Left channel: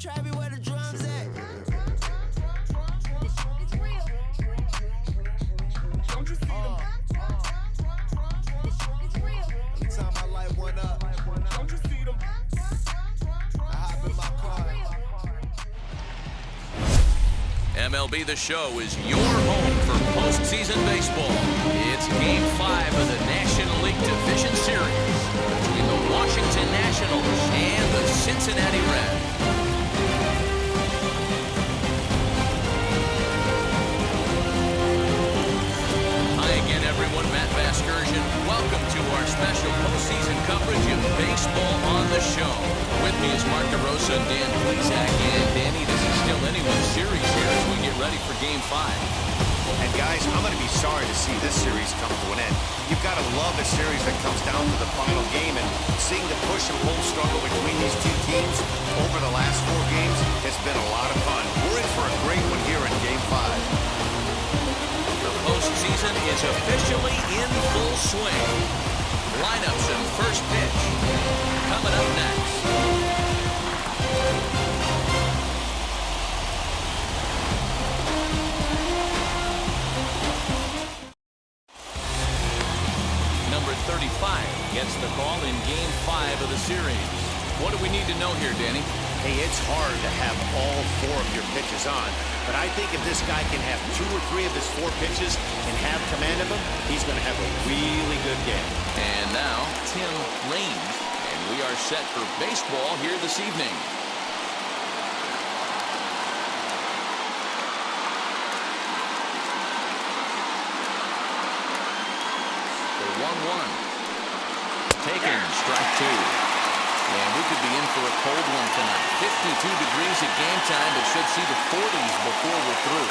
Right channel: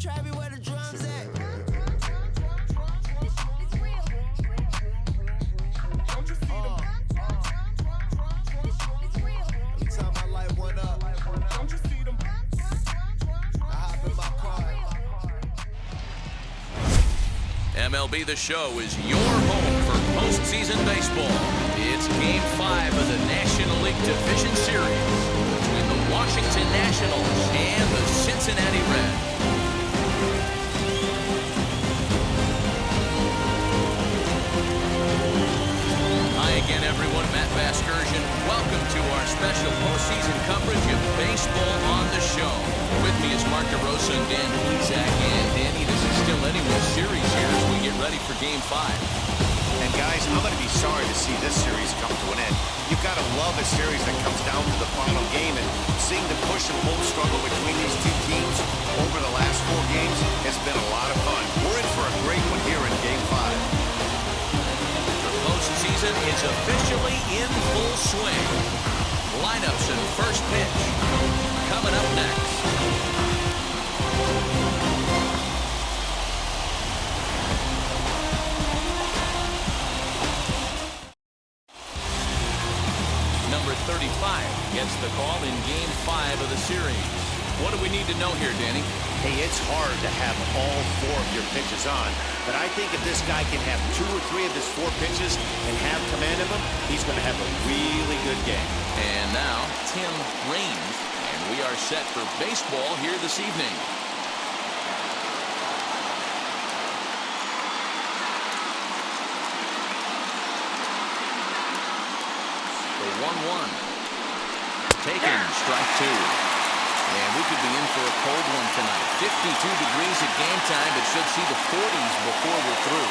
Travis, where the drums at? It's real. Don't you see them? It's real. Every time my light went up, Don't you see them? I hop in my car. MLB The Show is your home for postseason baseball. It's Game 5 of the National League Division Series between the Washington Nationals and the Cincinnati Reds. Hi again, everyone. Matt Vasgersian. Welcome to our special postseason coverage of baseball on the show. With me is Mark DeRosa and Dan Plesac. And Danny, this is still anyone's series here as we get ready for Game 5. And guys, I'm going to be sorry to see this series come to an end. You've got to love a series that comes down to the final game, and seeing the push and pull struggle between these two teams over the last 4 games has been a lot of fun. We're in for a great one here in Game 5. The postseason is officially in full swing. Lineups and first pitch coming up next. Number 35 gets the call in Game 5 of the series. What do we need to know here, Danny? Hey, it's hard to have all 4 of your pitches on, but I think if this guy can have 2 or 3 of his 4 pitches and have command of them, he's going to have a really good game. And now, Tim Raines, and we are set for baseball here this evening. The 1-1. Taken, strike 2. And we could be in for a cold one tonight. 52 degrees at game time, but should see the 40s before we're through.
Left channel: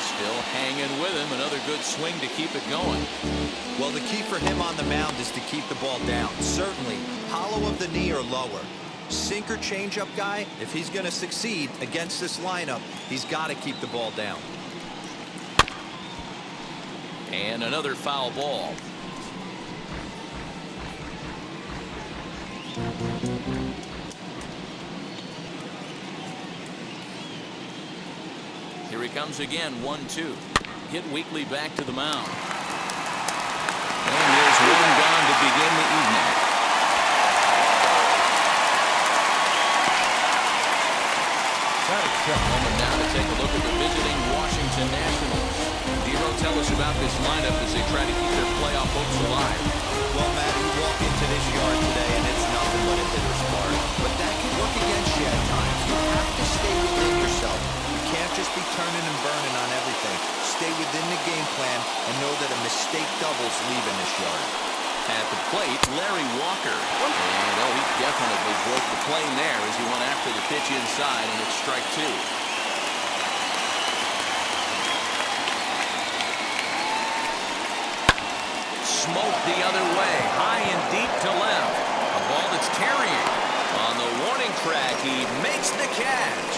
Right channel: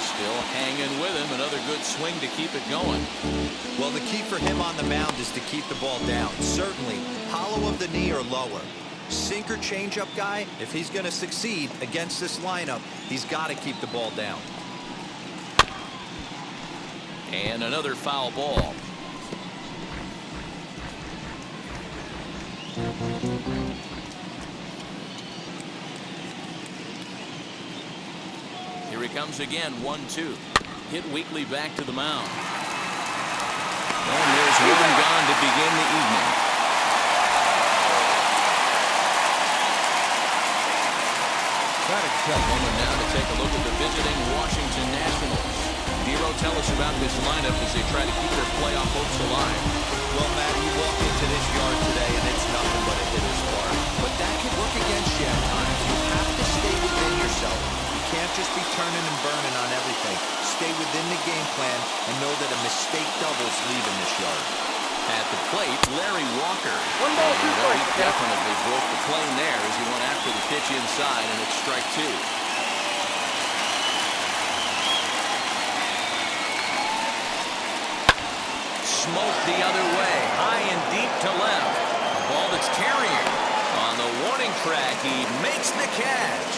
Still hanging with him. Another good swing to keep it going. Well, the key for him on the mound is to keep the ball down. Certainly, hollow of the knee or lower. Sinker changeup guy, if he's going to succeed against this lineup, he's got to keep the ball down. And another foul ball. Here he comes again, 1-2. Hit weakly back to the mound. And there's one gone to begin the evening. A moment now to take a look at the visiting Washington Nationals. Dero, tell us about this lineup as they try to keep their playoff hopes alive. Well, Matt, you walk into this yard today and it's nothing but a hitter's park. But that can work against you at times. You have to stay within yourself. You can't just be turning and burning on everything. Stay within the game plan and know that a mistake doubles leaving this yard. At the plate, Larry Walker. And he definitely broke the plane there as he went after the pitch inside, and it's strike 2. Smoked the other way, high and deep to left. A ball that's carrying. On the warning track, he makes the catch.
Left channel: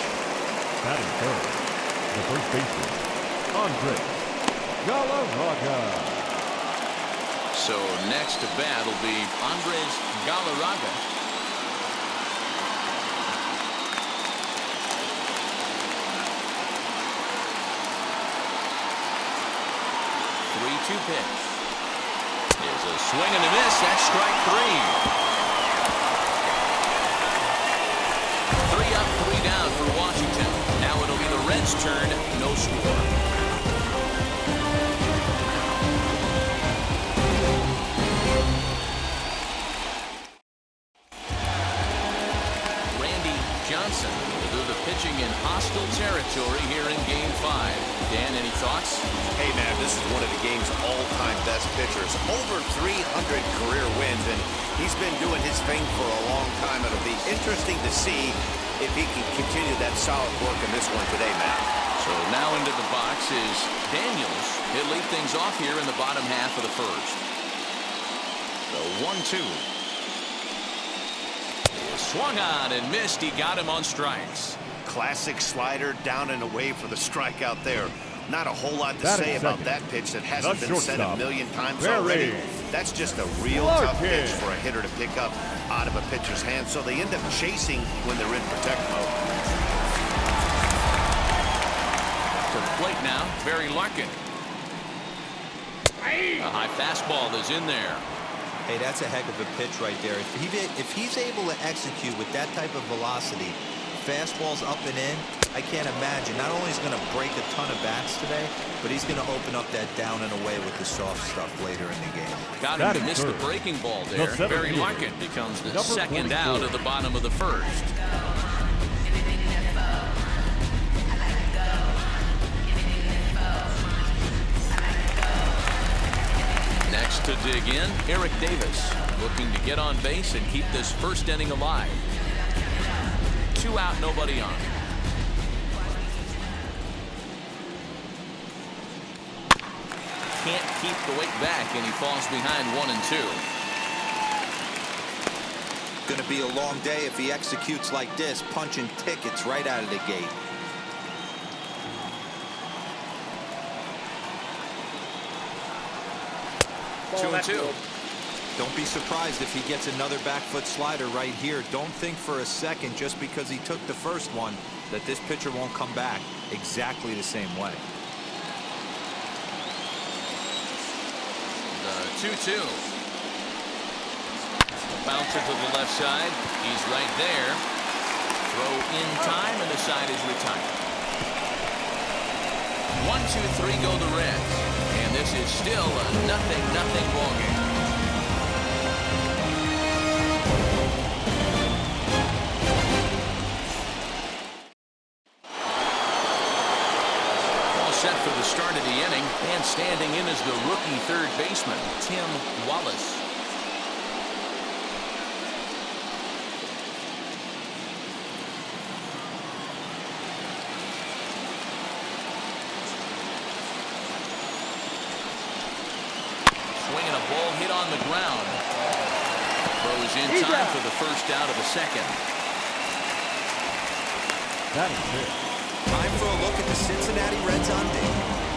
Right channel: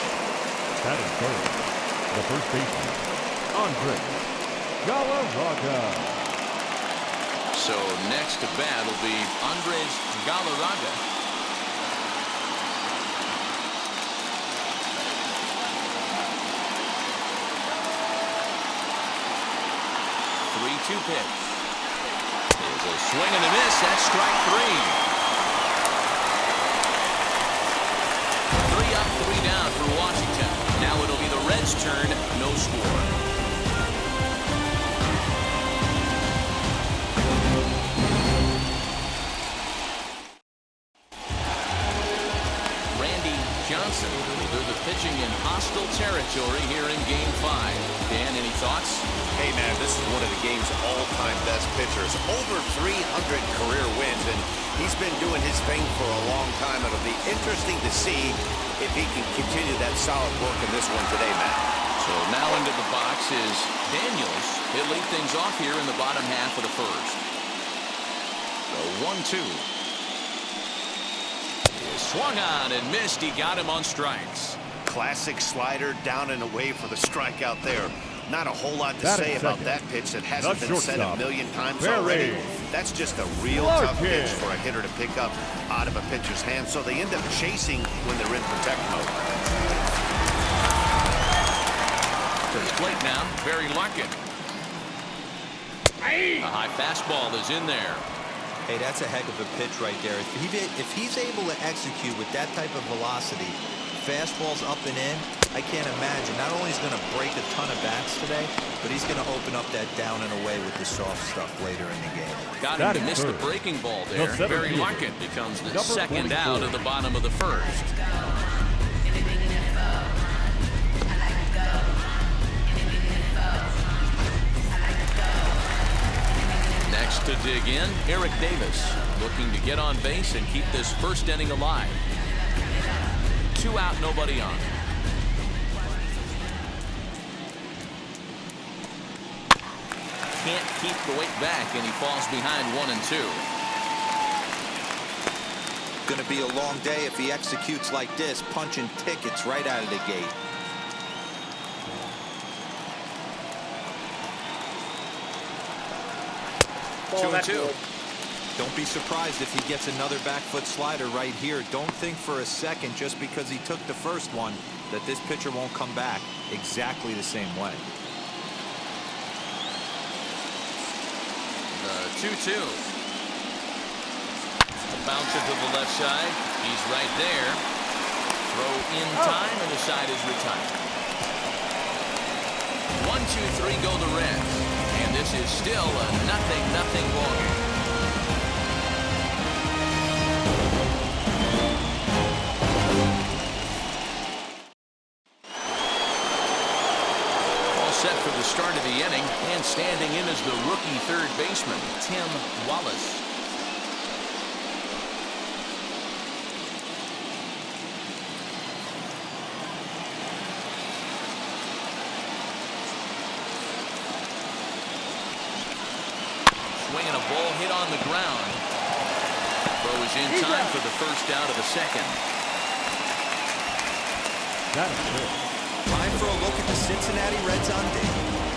Batting third, the first baseman, Andres Galarraga. So next to bat will be Andres Galarraga. Three-two pitch. Is a swing and a miss. That's strike 3. 3 up, 3 down for Washington. Now it'll be the Reds' turn. No score. Johnson will do the pitching in hostile territory here in Game 5. Dan, any thoughts? Hey, man, this is one of the game's all-time best pitchers. Over 300 career wins, and he's been doing his thing for a long time. It'll be interesting to see if he can continue that solid work in this one today, Matt. So now into the box is Daniels. He'll lead things off here in the bottom half of the first. The 1-2. Swung on and missed. He got him on strikes. Classic slider down and away for the strikeout there. Not a whole lot to Batting say about second, that pitch that hasn't the been said a shortstop, million times Barry already. That's just a real tough pitch Larkin. for a hitter to pick up out of a pitcher's hand, so they end up chasing when they're in protect mode. To the plate now, Barry Larkin. A high fastball is in there. Hey, that's a heck of a pitch right there. If he's able to execute with that type of velocity, fastballs up and in, I can't imagine. Not only is he going to break a ton of bats today, but he's going to open up that down and away with the soft stuff later in the game. Got him to miss the breaking ball there. Barry Larkin becomes the second out of the bottom of the first. Next to dig in, Eric Davis, looking to get on base and keep this first inning alive. 2 out, nobody on. Can't keep the weight back, and he falls behind 1-2. Going to be a long day if he executes like this, punching tickets right out of the gate. Ball, 2-2. Don't be surprised if he gets another back foot slider right here. Don't think for a second, just because he took the first one, that this pitcher won't come back exactly the same way. The 2-2. A bouncer to the left side. He's right there. Throw in time, and the side is retired. 1-2-3 go the Reds. And this is still a 0-0 ball game. All set for the start of the inning, and standing in is the rookie third baseman, Tim Wallace. Swinging a ball hit on the ground. Throw is in time for the first out of the second. That is it. Time for a look at the Cincinnati Reds on deck.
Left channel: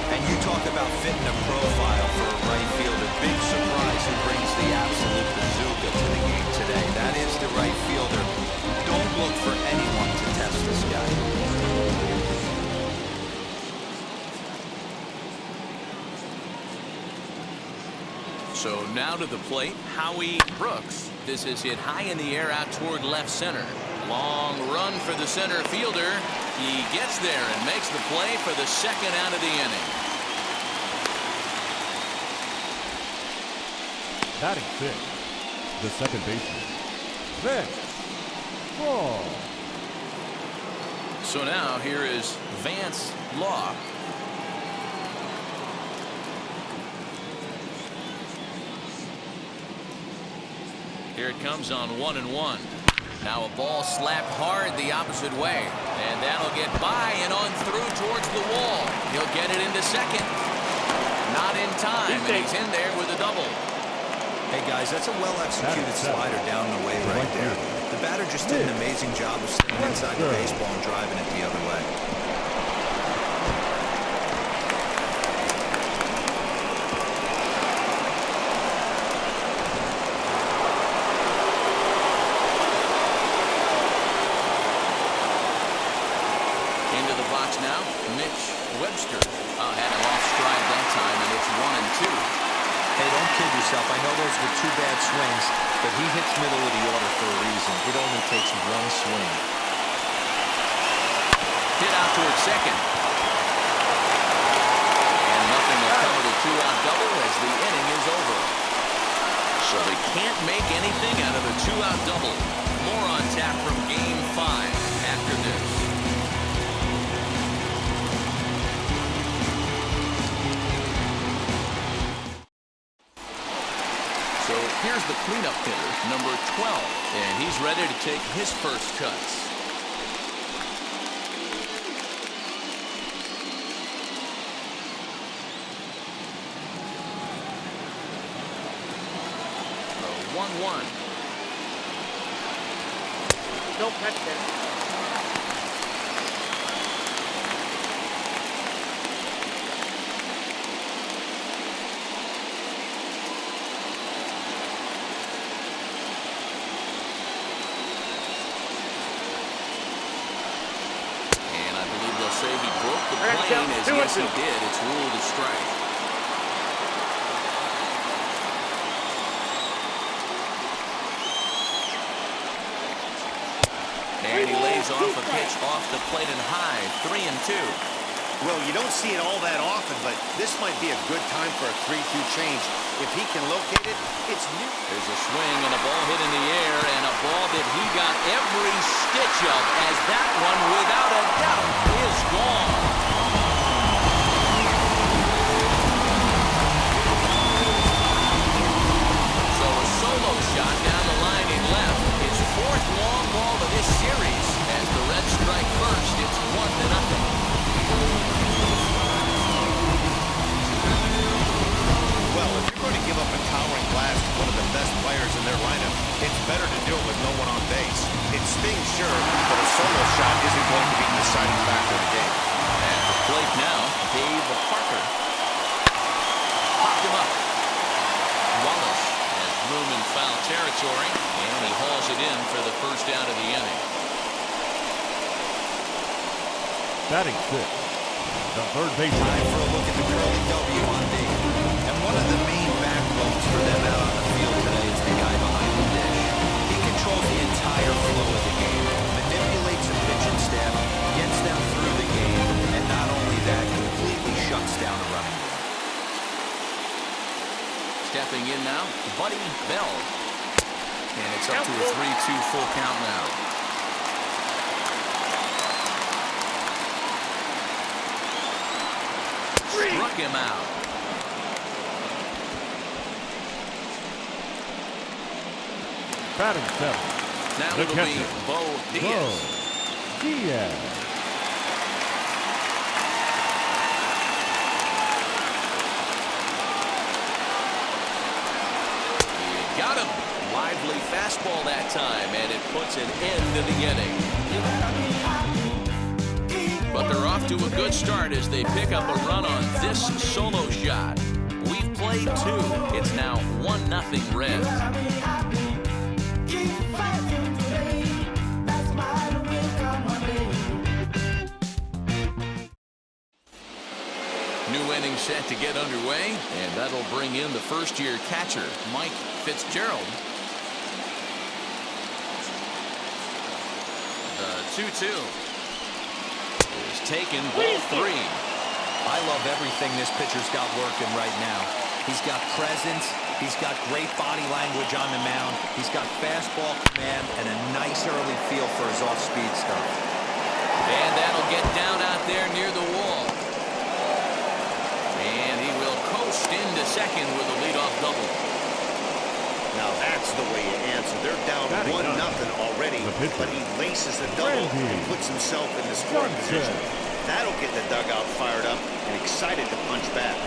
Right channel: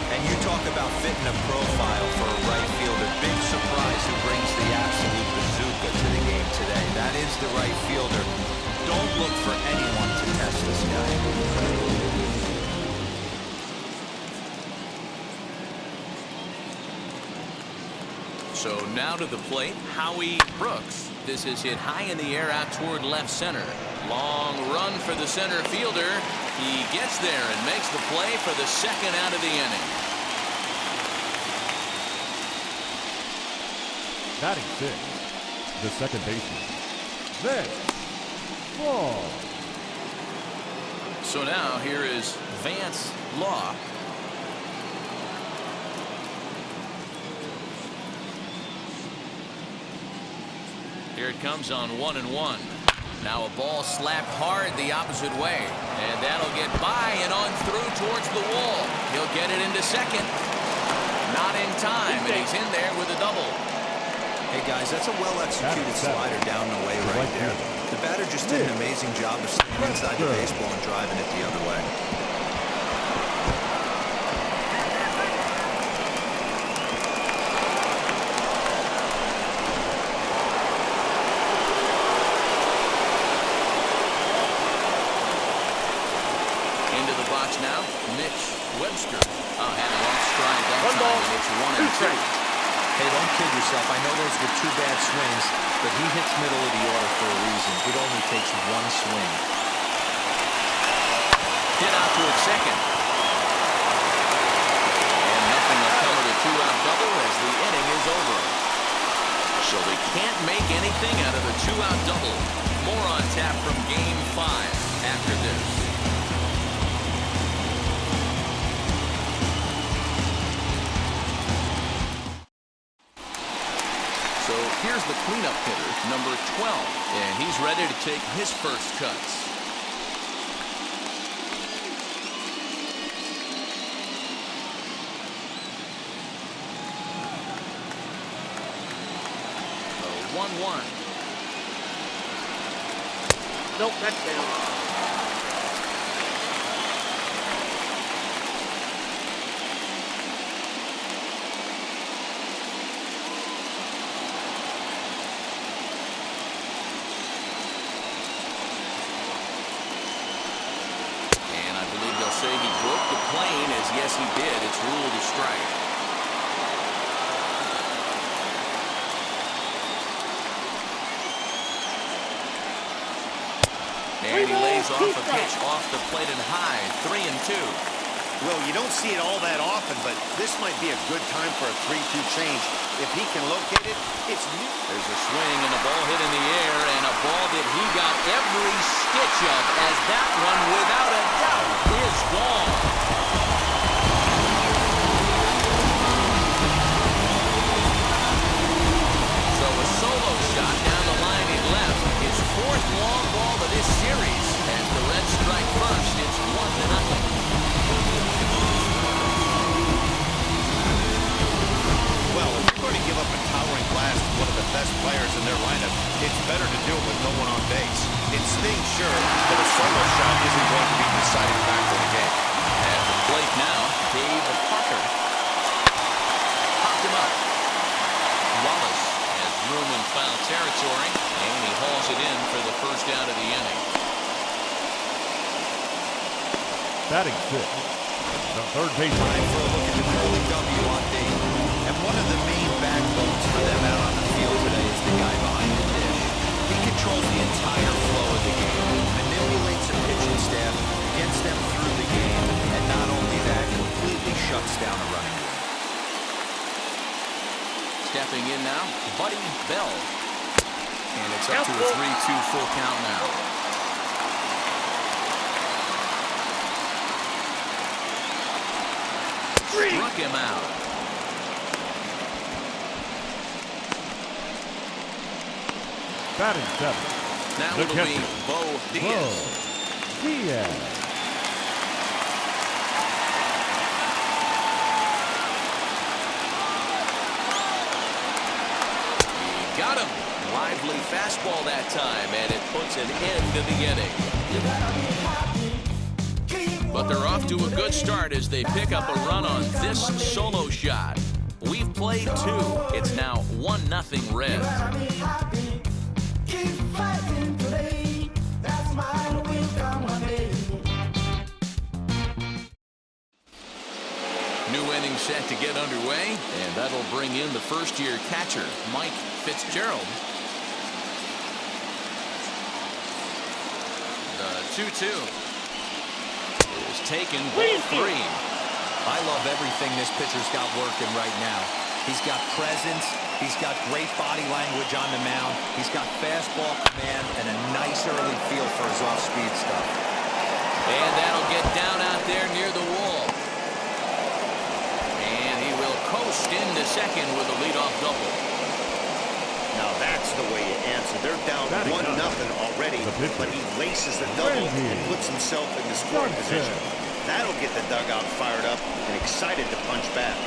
And you talk about fitting a profile for a right fielder. Big surprise who brings the absolute bazooka to the game today. That is the right fielder. Don't look for anyone to test this guy. So now to the plate, Howie Brooks. This is hit high in the air out toward left center. Long run for the center fielder. He gets there and makes the play for the second out of the inning. Batting 6, the second baseman, Vince Law. So now here is Vance Law. Here it comes on 1-1. Now a ball slapped hard the opposite way. And that'll get by and on through towards the wall. He'll get it into second. Not in time, and he's in there with a double. Hey, guys, that's a well-executed slider down and away right there. The batter just did an amazing job of staying inside the baseball and driving it the other way. Into the box now, Mitch Webster. Had him off stride that time, and it's 1-2. Hey, don't kid yourself. I know those were 2 bad swings, but he hits middle of the order for a reason. It only takes 1 swing. Hit out towards second. And nothing will come of the 2-out double as the inning is over. So they can't make anything out of the 2-out double. More on tap from Game 5 after this. So here's the cleanup hitter, number 12, and he's ready to take his first cuts. The 1-1. Nope, that's down. say he broke the plane, as yes he did. It's ruled a strike. And he lays off a pitch off the plate and high. 3-2. Well, you don't see it all that often, but this might be a good time for a 3-2 change. If he can locate it, it's new. There's a swing and a ball hit in the air, and a ball that he got every stitch of, as that one, without a doubt, is gone. So a solo shot down the line in left. His fourth long ball of this series. As the Reds strike first, it's 1-0. Well, if you're going to give up a towering blast to one of the best players in their lineup, it's better to do it with no one on base. It stings, sure, but a solo shot isn't going to be the deciding factor in the game. At the plate now, Dave Parker. Popped him up. Wallace has room in foul territory, and he hauls it in for the first out of the inning. Batting six, the third baseman. Time for a look at the curly W on D. And one of the main backbones for them out on the field today is the guy behind the dish. He controls the entire flow of the game, manipulates the pitching staff, gets them through the game, and not only that, completely shuts down a running game. Stepping in now, Buddy Bell. And it's up to a 3-2 full count now. Struck him out. Batting seven. Now the it'll catcher, be Bo Diaz. Bo Diaz. He got him. Lively fastball that time, and it puts an end to the inning. But they're off to a good start as they pick up a run on this solo shot. We've played two. It's now 1-0 Reds. New inning set to get underway, and that'll bring in the first-year catcher, Mike Fitzgerald. The 2-2 is taken, ball 3. I love everything this pitcher's got working right now. He's got presence. He's got great body language on the mound. He's got fastball command and a nice early feel for his off-speed stuff. And that'll get down out there near the wall. And he will coast into second with a leadoff double. Now that's the way you answer. They're down 1-0 already, but he laces the double and puts himself in the scoring position. That'll get the dugout fired up and excited to punch back.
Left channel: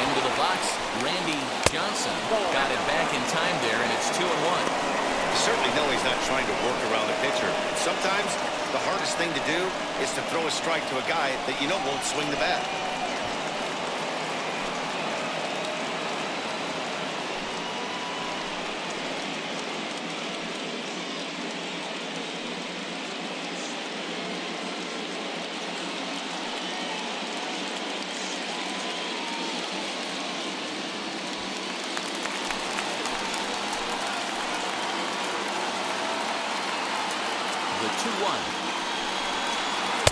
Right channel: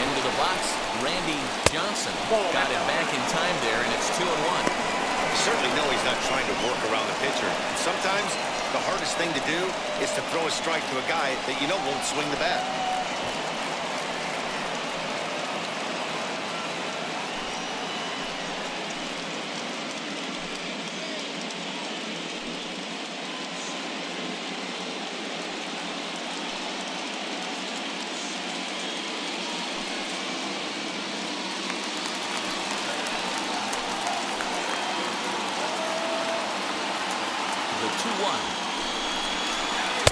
Into the box, Randy Johnson got it back in time there, and it's 2-1. You certainly know he's not trying to work around the pitcher. Sometimes the hardest thing to do is to throw a strike to a guy that you know won't swing the bat. The 2-1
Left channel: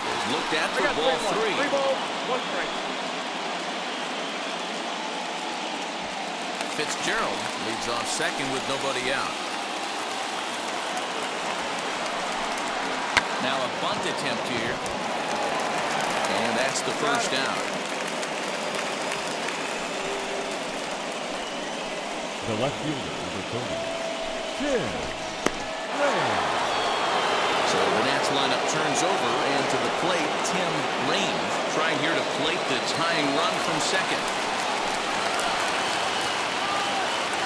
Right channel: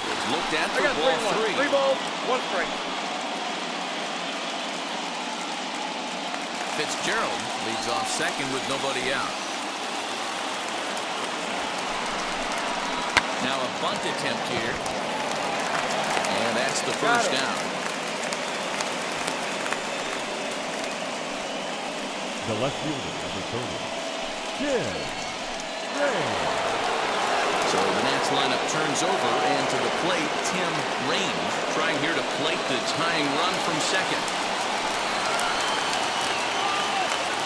is looked at for ball 3. 3 balls, 1 strike. Fitzgerald leads off second with nobody out. Now a bunt attempt here. And that's the first down. The left fielder, number 30, Tim Raines. So the Nats lineup turns over, and to the plate, Tim Raines trying here to plate the tying run from second.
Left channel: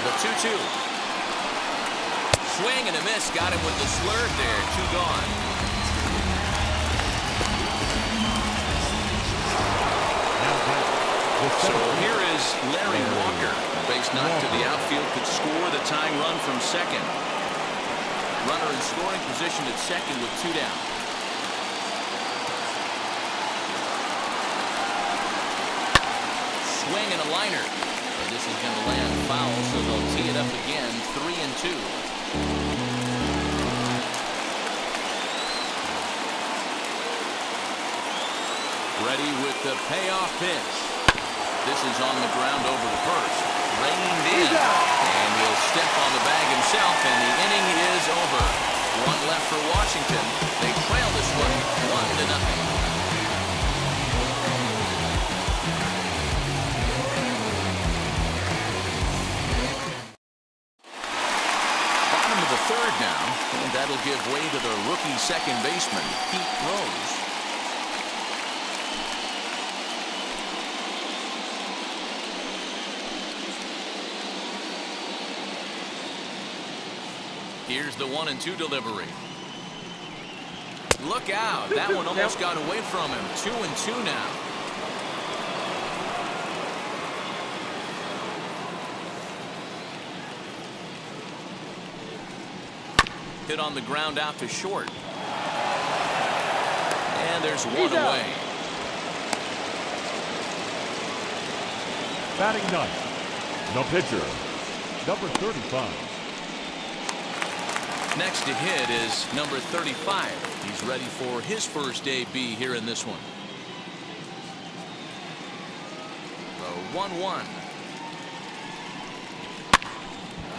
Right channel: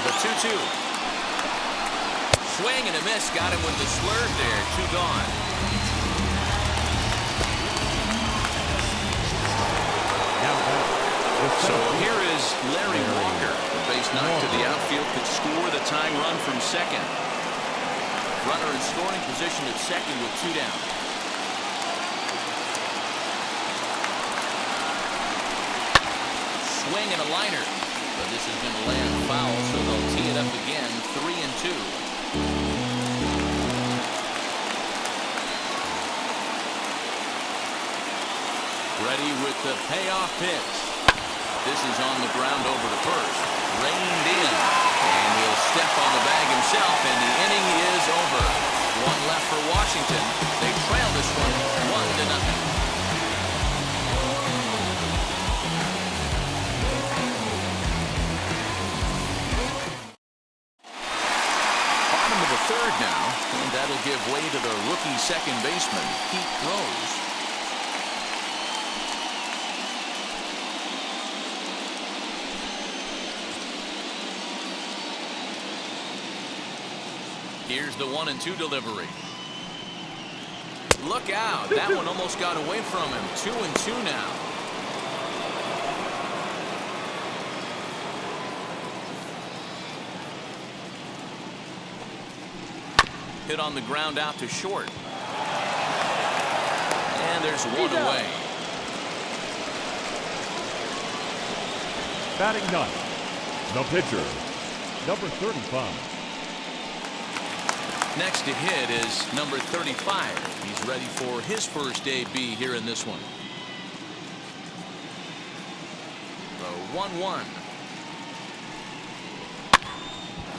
The 2-2. Swing and a miss. Got him with the slurve there. 2 gone. Now back, So here is Larry Walker. The base knock to the outfield could score the tying run from second. Runner in scoring position at second with 2 down. Swing and a liner. But this is going to land foul, so they'll tee it up again, 3-2. Ready with the payoff pitch. This is on the ground over to first. Reined in. And he'll step on the bag himself, and the inning is over. 1 left for Washington. They trail this one 1-0. Third now, and that'll give way to the rookie second baseman, Pete Rose. Here's the 1-2 delivery. Look out, that one almost got away from him. 2-2 now. Hit on the ground out to short. And there's one away. Batting ninth, the pitcher, number 35. Next to hit is number 35. He's ready for his first AB here in this one. The 1-1.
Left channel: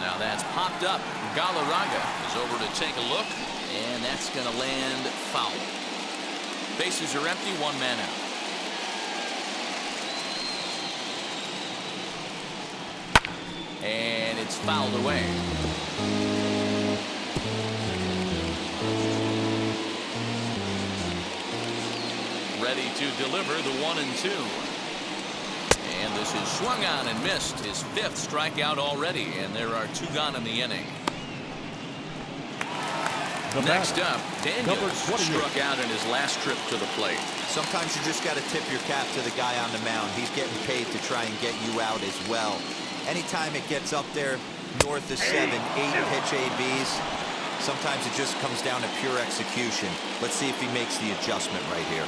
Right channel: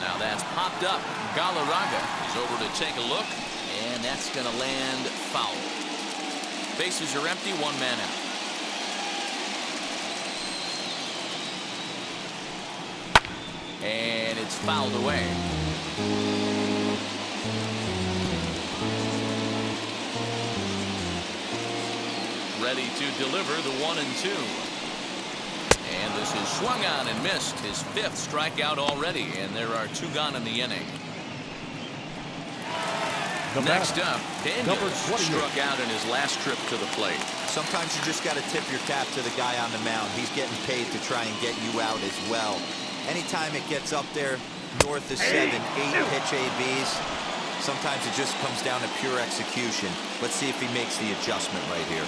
Now that's popped up. Galarraga is over to take a look, and that's going to land foul. Bases are empty, 1 man out. And it's fouled away. Ready to deliver the 1-2. And this is swung on and missed. His 5th strikeout already, and there are 2 gone in the inning. Next up, Daniels struck out in his last trip to the plate. Sometimes you just got to tip your cap to the guy on the mound. He's getting paid to try and get you out as well. Anytime it gets up there north of 7, 8 pitch ABs, sometimes it just comes down to pure execution. Let's see if he makes the adjustment right here.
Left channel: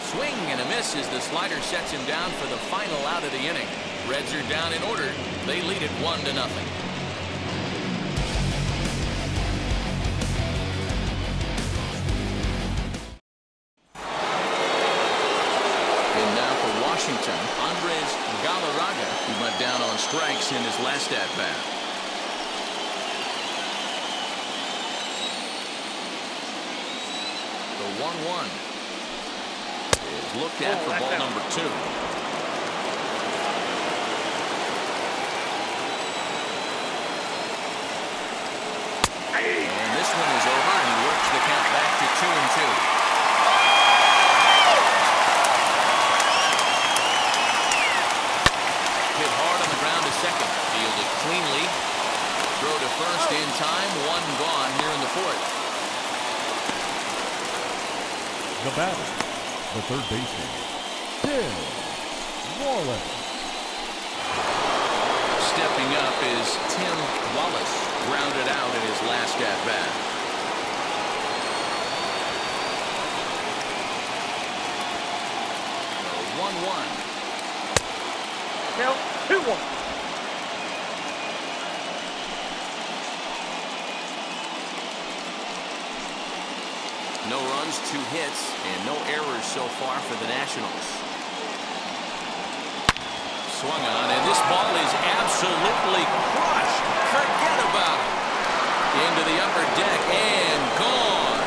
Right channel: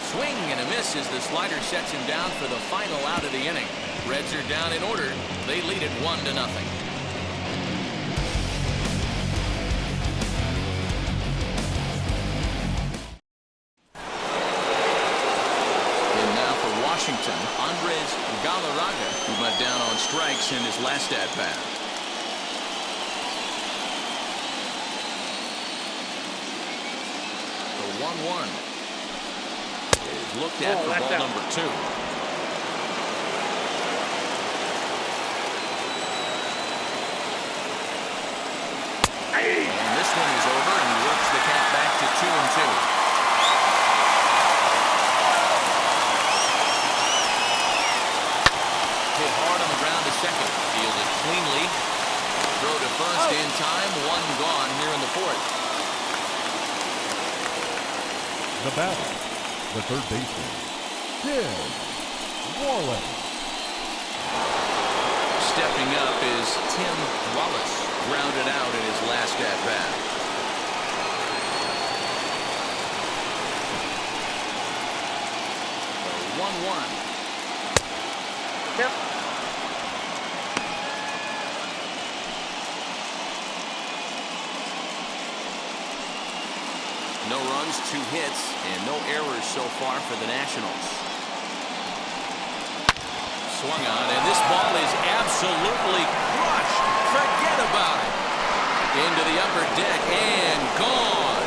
Swing and a miss as the slider sets him down for the final out of the inning. Reds are down in order. They lead it 1-0. And now for Washington, Andres Galarraga, who went down on strikes in his last at-bat. The 1-1 is looked at for ball number 2. And this one is over, and he works the count back to 2-2. Hit hard on the ground to second. Fielded cleanly. Throw to first in time. 1 gone here in the 4th. The batter, the third baseman, Tim Wallace. Stepping up is Tim Wallace. Grounded out in his last at-bat. The 1-1. Count 2-1. No runs, 2 hits, and no errors so far for the Nationals. Swung on, and this ball is absolutely crushed. Forget about it. Into the upper deck and gone.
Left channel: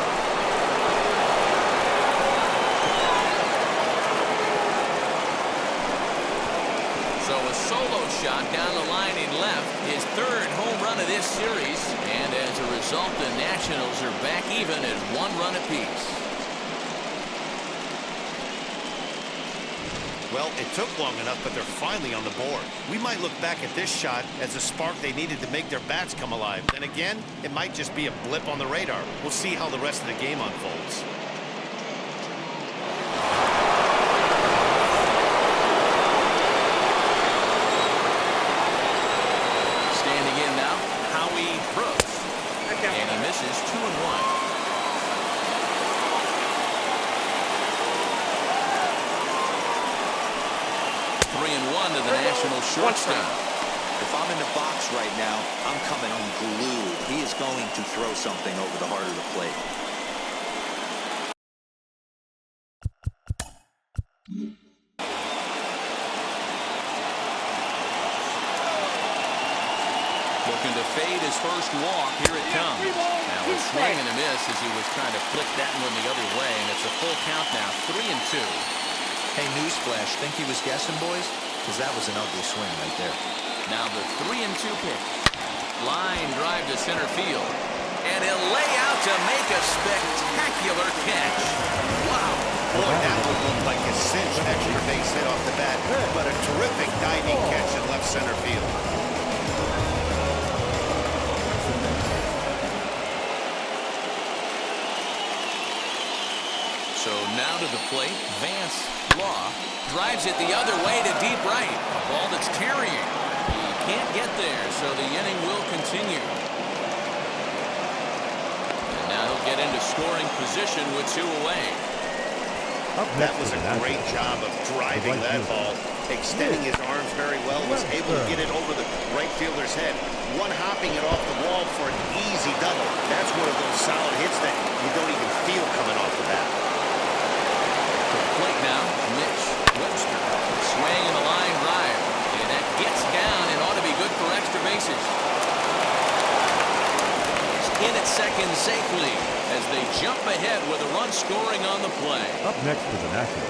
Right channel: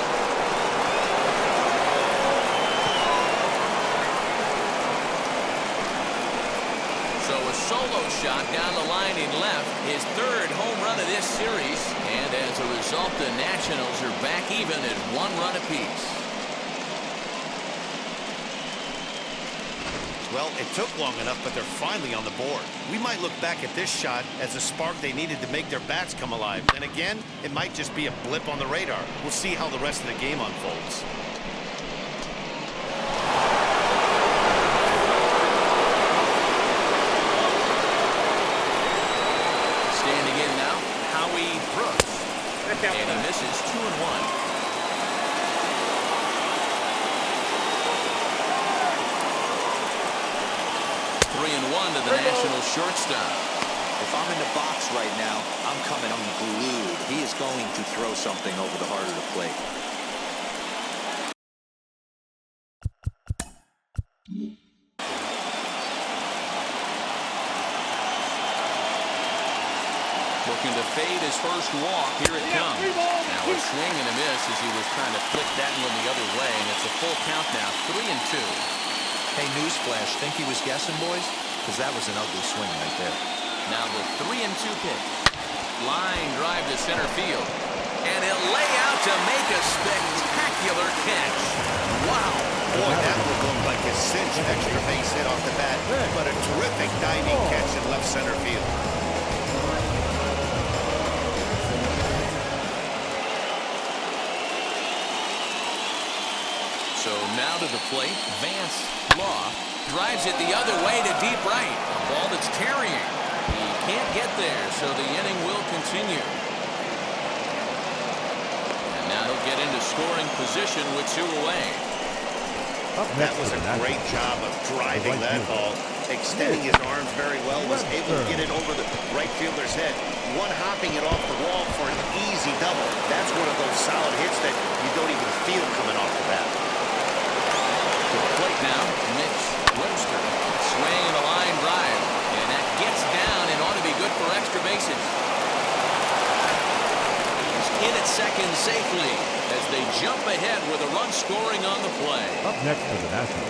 So a solo shot down the line in left, his 3rd home run of this series, and as a result, the Nationals are back even at 1 run apiece. Well, it took long enough, but they're finally on the board. We might look back at this shot as a spark they needed to make their bats come alive. Then again, it might just be a blip on the radar. We'll see how the rest of the game unfolds. Standing in now, Howie Brooks. And he misses 2-1. 3-1 to the national shortstop. If I'm in the box right now, I'm coming unglued. He is going to throw something over the heart of the plate. Looking to fade his first walk. Here it comes. Now a swing and a miss as he was trying to flick that one the other way, and it's a full count now, 3-2. Hey, newsflash, think he was guessing, boys? Because that was an ugly swing right there. Now the 3-2 pitch. Line drive to center field. And he'll lay out to make a spectacular catch. Wow. Boy, that would look like a cinch extra base hit off the bat, but a terrific diving catch in left center field. So now to the plate, Vance Law drives it the other way to deep right. A ball that's tarrying. He can't get there, so the inning will continue. And now he'll get into scoring position with 2 away. That was a great job of driving that ball, extending his arms very well, was able to get it over the right fielder's head, one-hopping it off the wall for an easy double. That's one of those solid hits that you don't even feel coming off the bat. To the plate now, Mitch Webster. Swing and a line drive. And that gets down and ought to be good for extra bases. He's in at second safely as they jump ahead with a run scoring on the play. Up next for the Nationals.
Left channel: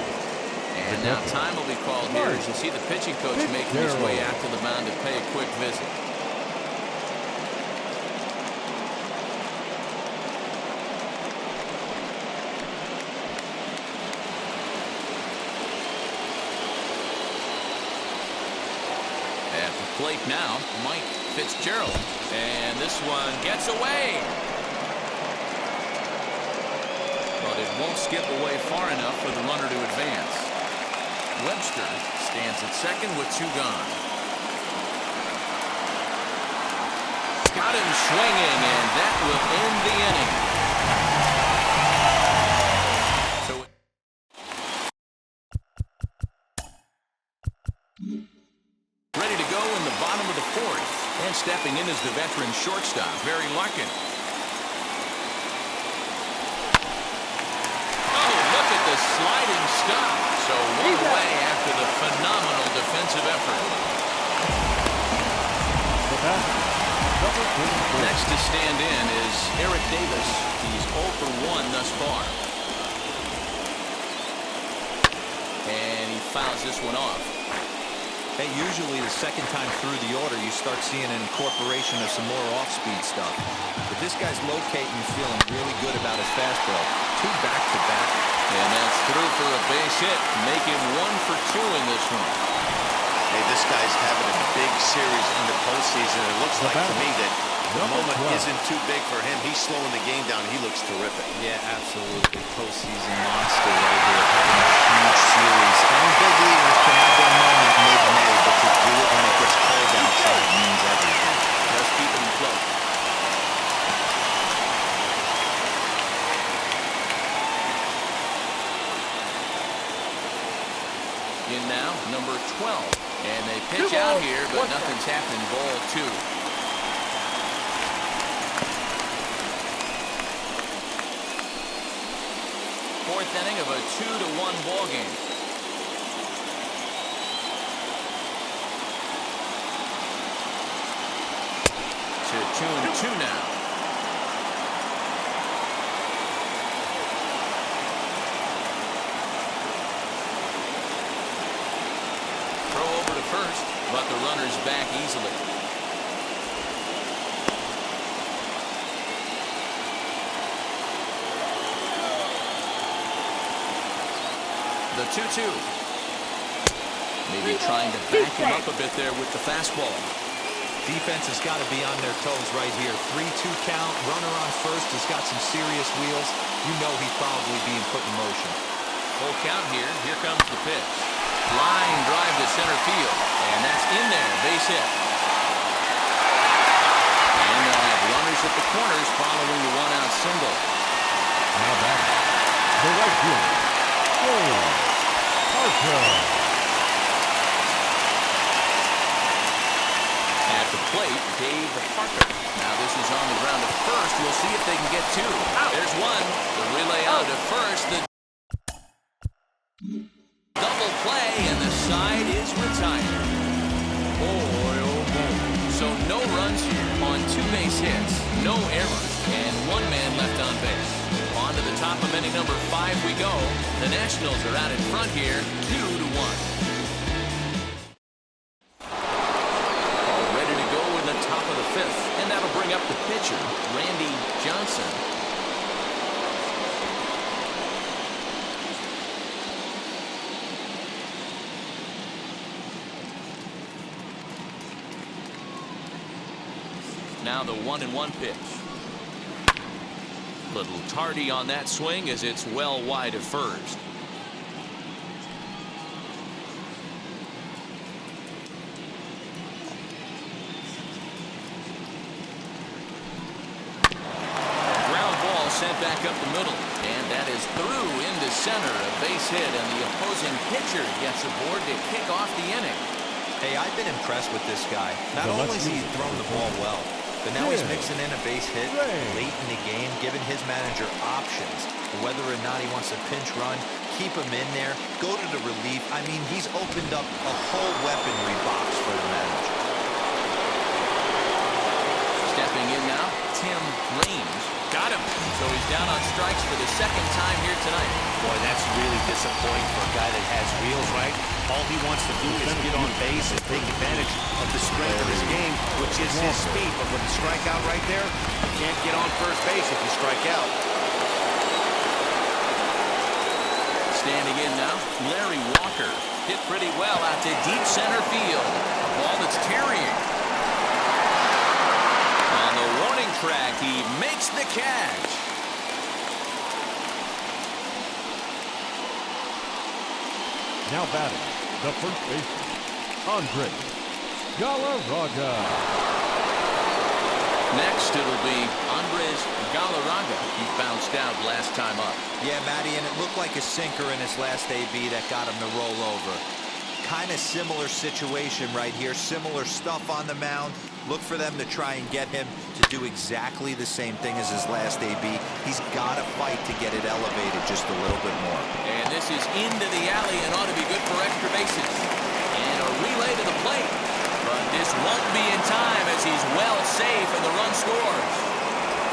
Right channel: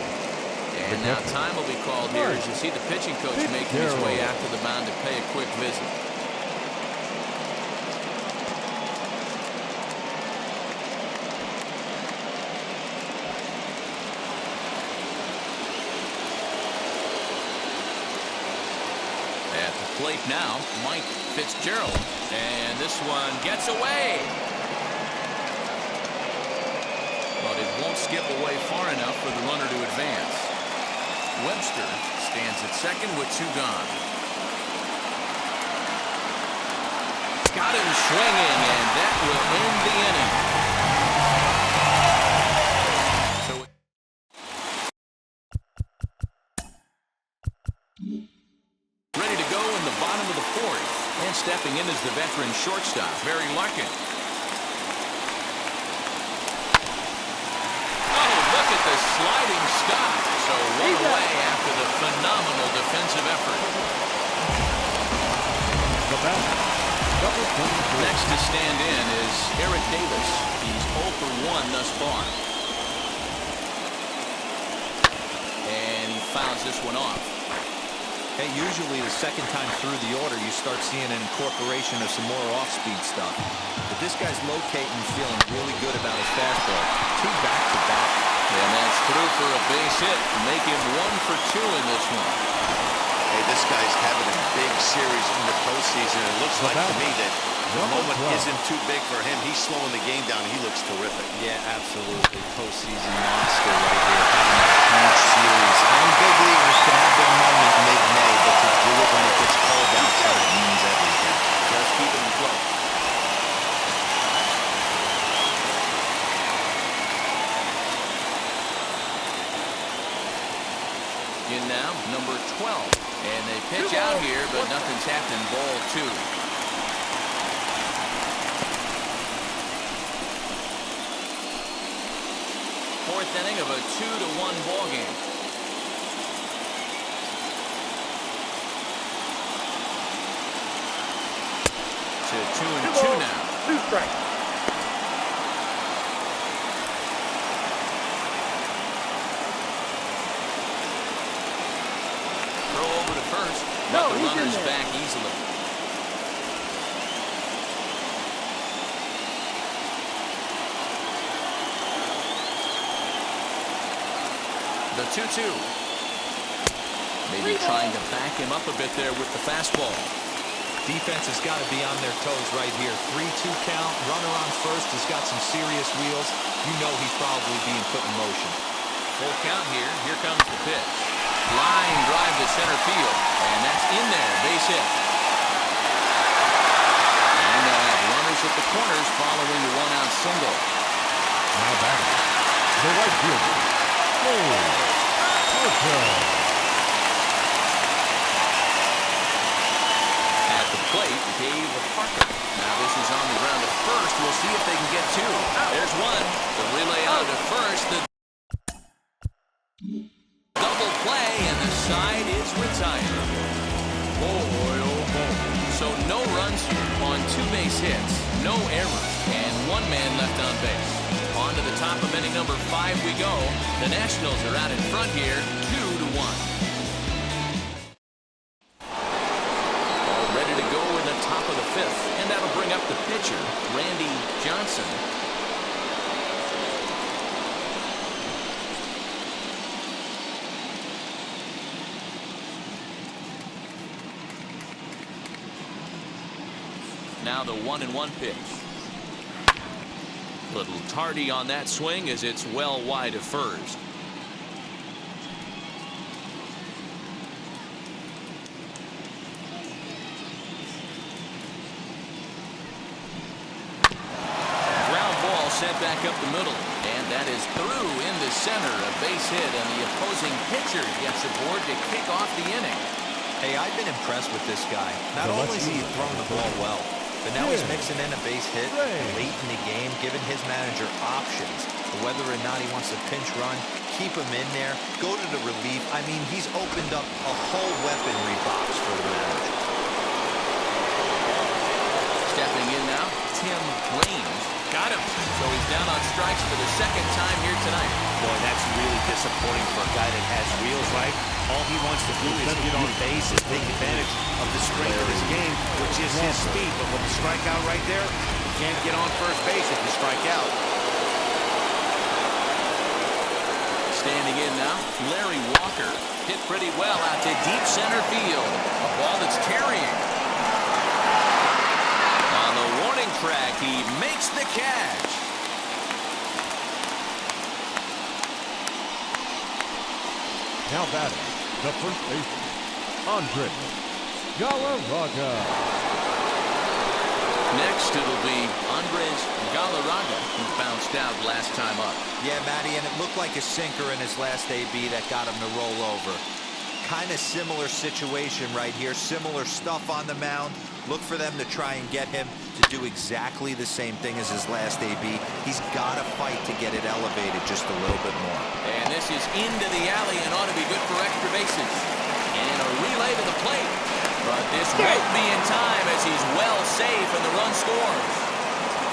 And now time will be called here as you see the pitching coach making his way out to the mound to pay a quick visit. At the plate now, Mike Fitzgerald. And this one gets away. But it won't skip away far enough for the runner to advance. Webster stands at second with 2 gone. Got him swinging, and that will end the inning. Ready to go in the bottom of the 4th. And stepping in is the veteran shortstop, Barry Larkin. Oh, look at the sliding stop. So 1 away after the phenomenal defensive effort. The bat, number 44. Next to stand in is Eric Davis. He's 0 for 1 thus far. And he fouls this one off. Hey, usually the second time through the order, you start seeing an incorporation of some more off-speed stuff. But this guy's locating, feeling really good about his fastball. 2 back-to-back. And that's through for a base hit. Make him 1 for 2 in this one. Hey, this guy's having a big series in the postseason. It looks like to me that the moment isn't too big for him. He's slowing the game down. He looks terrific. Yeah, absolutely. Postseason monster right here. Having a huge series. And big leaguers can have their moment mid-May, but to do it when it gets cold outside means everything. Just keep him afloat. In now, number 12. And they pitch out here, but nothing's happened. Ball 2. Fourth inning of a 2-1 ball game. To 2-2 now. Throw over to first, but the runner's back easily. The 2-2. Maybe trying to back him up a bit there with the fastball. Defense has got to be on their toes right here. 3-2 count. Runner on first has got some serious wheels. You know he's probably being put in motion. Full count here. Here comes the pitch. Line drive to center field. And that's in there. Base hit. corners following the one-out single. Now back, the right fielder, Dave Parker. At the plate, Dave Parker. Now this is on the ground at first. We'll see if they can get two. There's one. The relay out to first. The double play, and the side is retired. Boy, oh boy. So no runs here on 2 base hits, no errors, and 1 man left on base. On to the top of inning number 5 we go. The Nationals are out in front here, 2-1. All ready to go in the top of the 5th, and that'll bring up the pitcher, Randy Johnson. Now the 1-1 pitch. Little tardy on that swing as it's well wide of first. Ground ball sent back up the middle, and that is through into center. A base hit, and the opposing pitcher gets aboard to kick off the inning. Hey, I've been impressed with this guy. Not only has he thrown the ball well, but now he's mixing in a base hit late in the game, giving his manager options. Whether or not he wants to pinch run, keep him in there, go to the relief. I mean, he's opened up a whole weaponry box for the manager. Stepping in now, Tim Raines. Got him. So he's down on strikes for the 2nd time here tonight. Boy, that's really disappointing for a guy that has wheels, right? All he wants to do is get on base and take advantage of the strength of his game, which is his speed. But with the strikeout right there, you can't get on first base if you strike out. Standing in now, Larry Walker. Hit pretty well out to deep center field. A ball that's carrying. On the warning track, he makes the catch. Now batting, the first baseman, Andre Galarraga. Next, it'll be Andres Galarraga. He bounced out last time up. Yeah, Matty, and it looked like a sinker in his last AB that got him to roll over. Kind of similar situation right here. Similar stuff on the mound. Look for them to try and get him to do exactly the same thing as his last AB. He's got to fight to get it elevated just a little bit more. And this is into the alley and ought to be good for extra bases. And a relay to the plate. But this won't be in time as he's well safe and the run scores.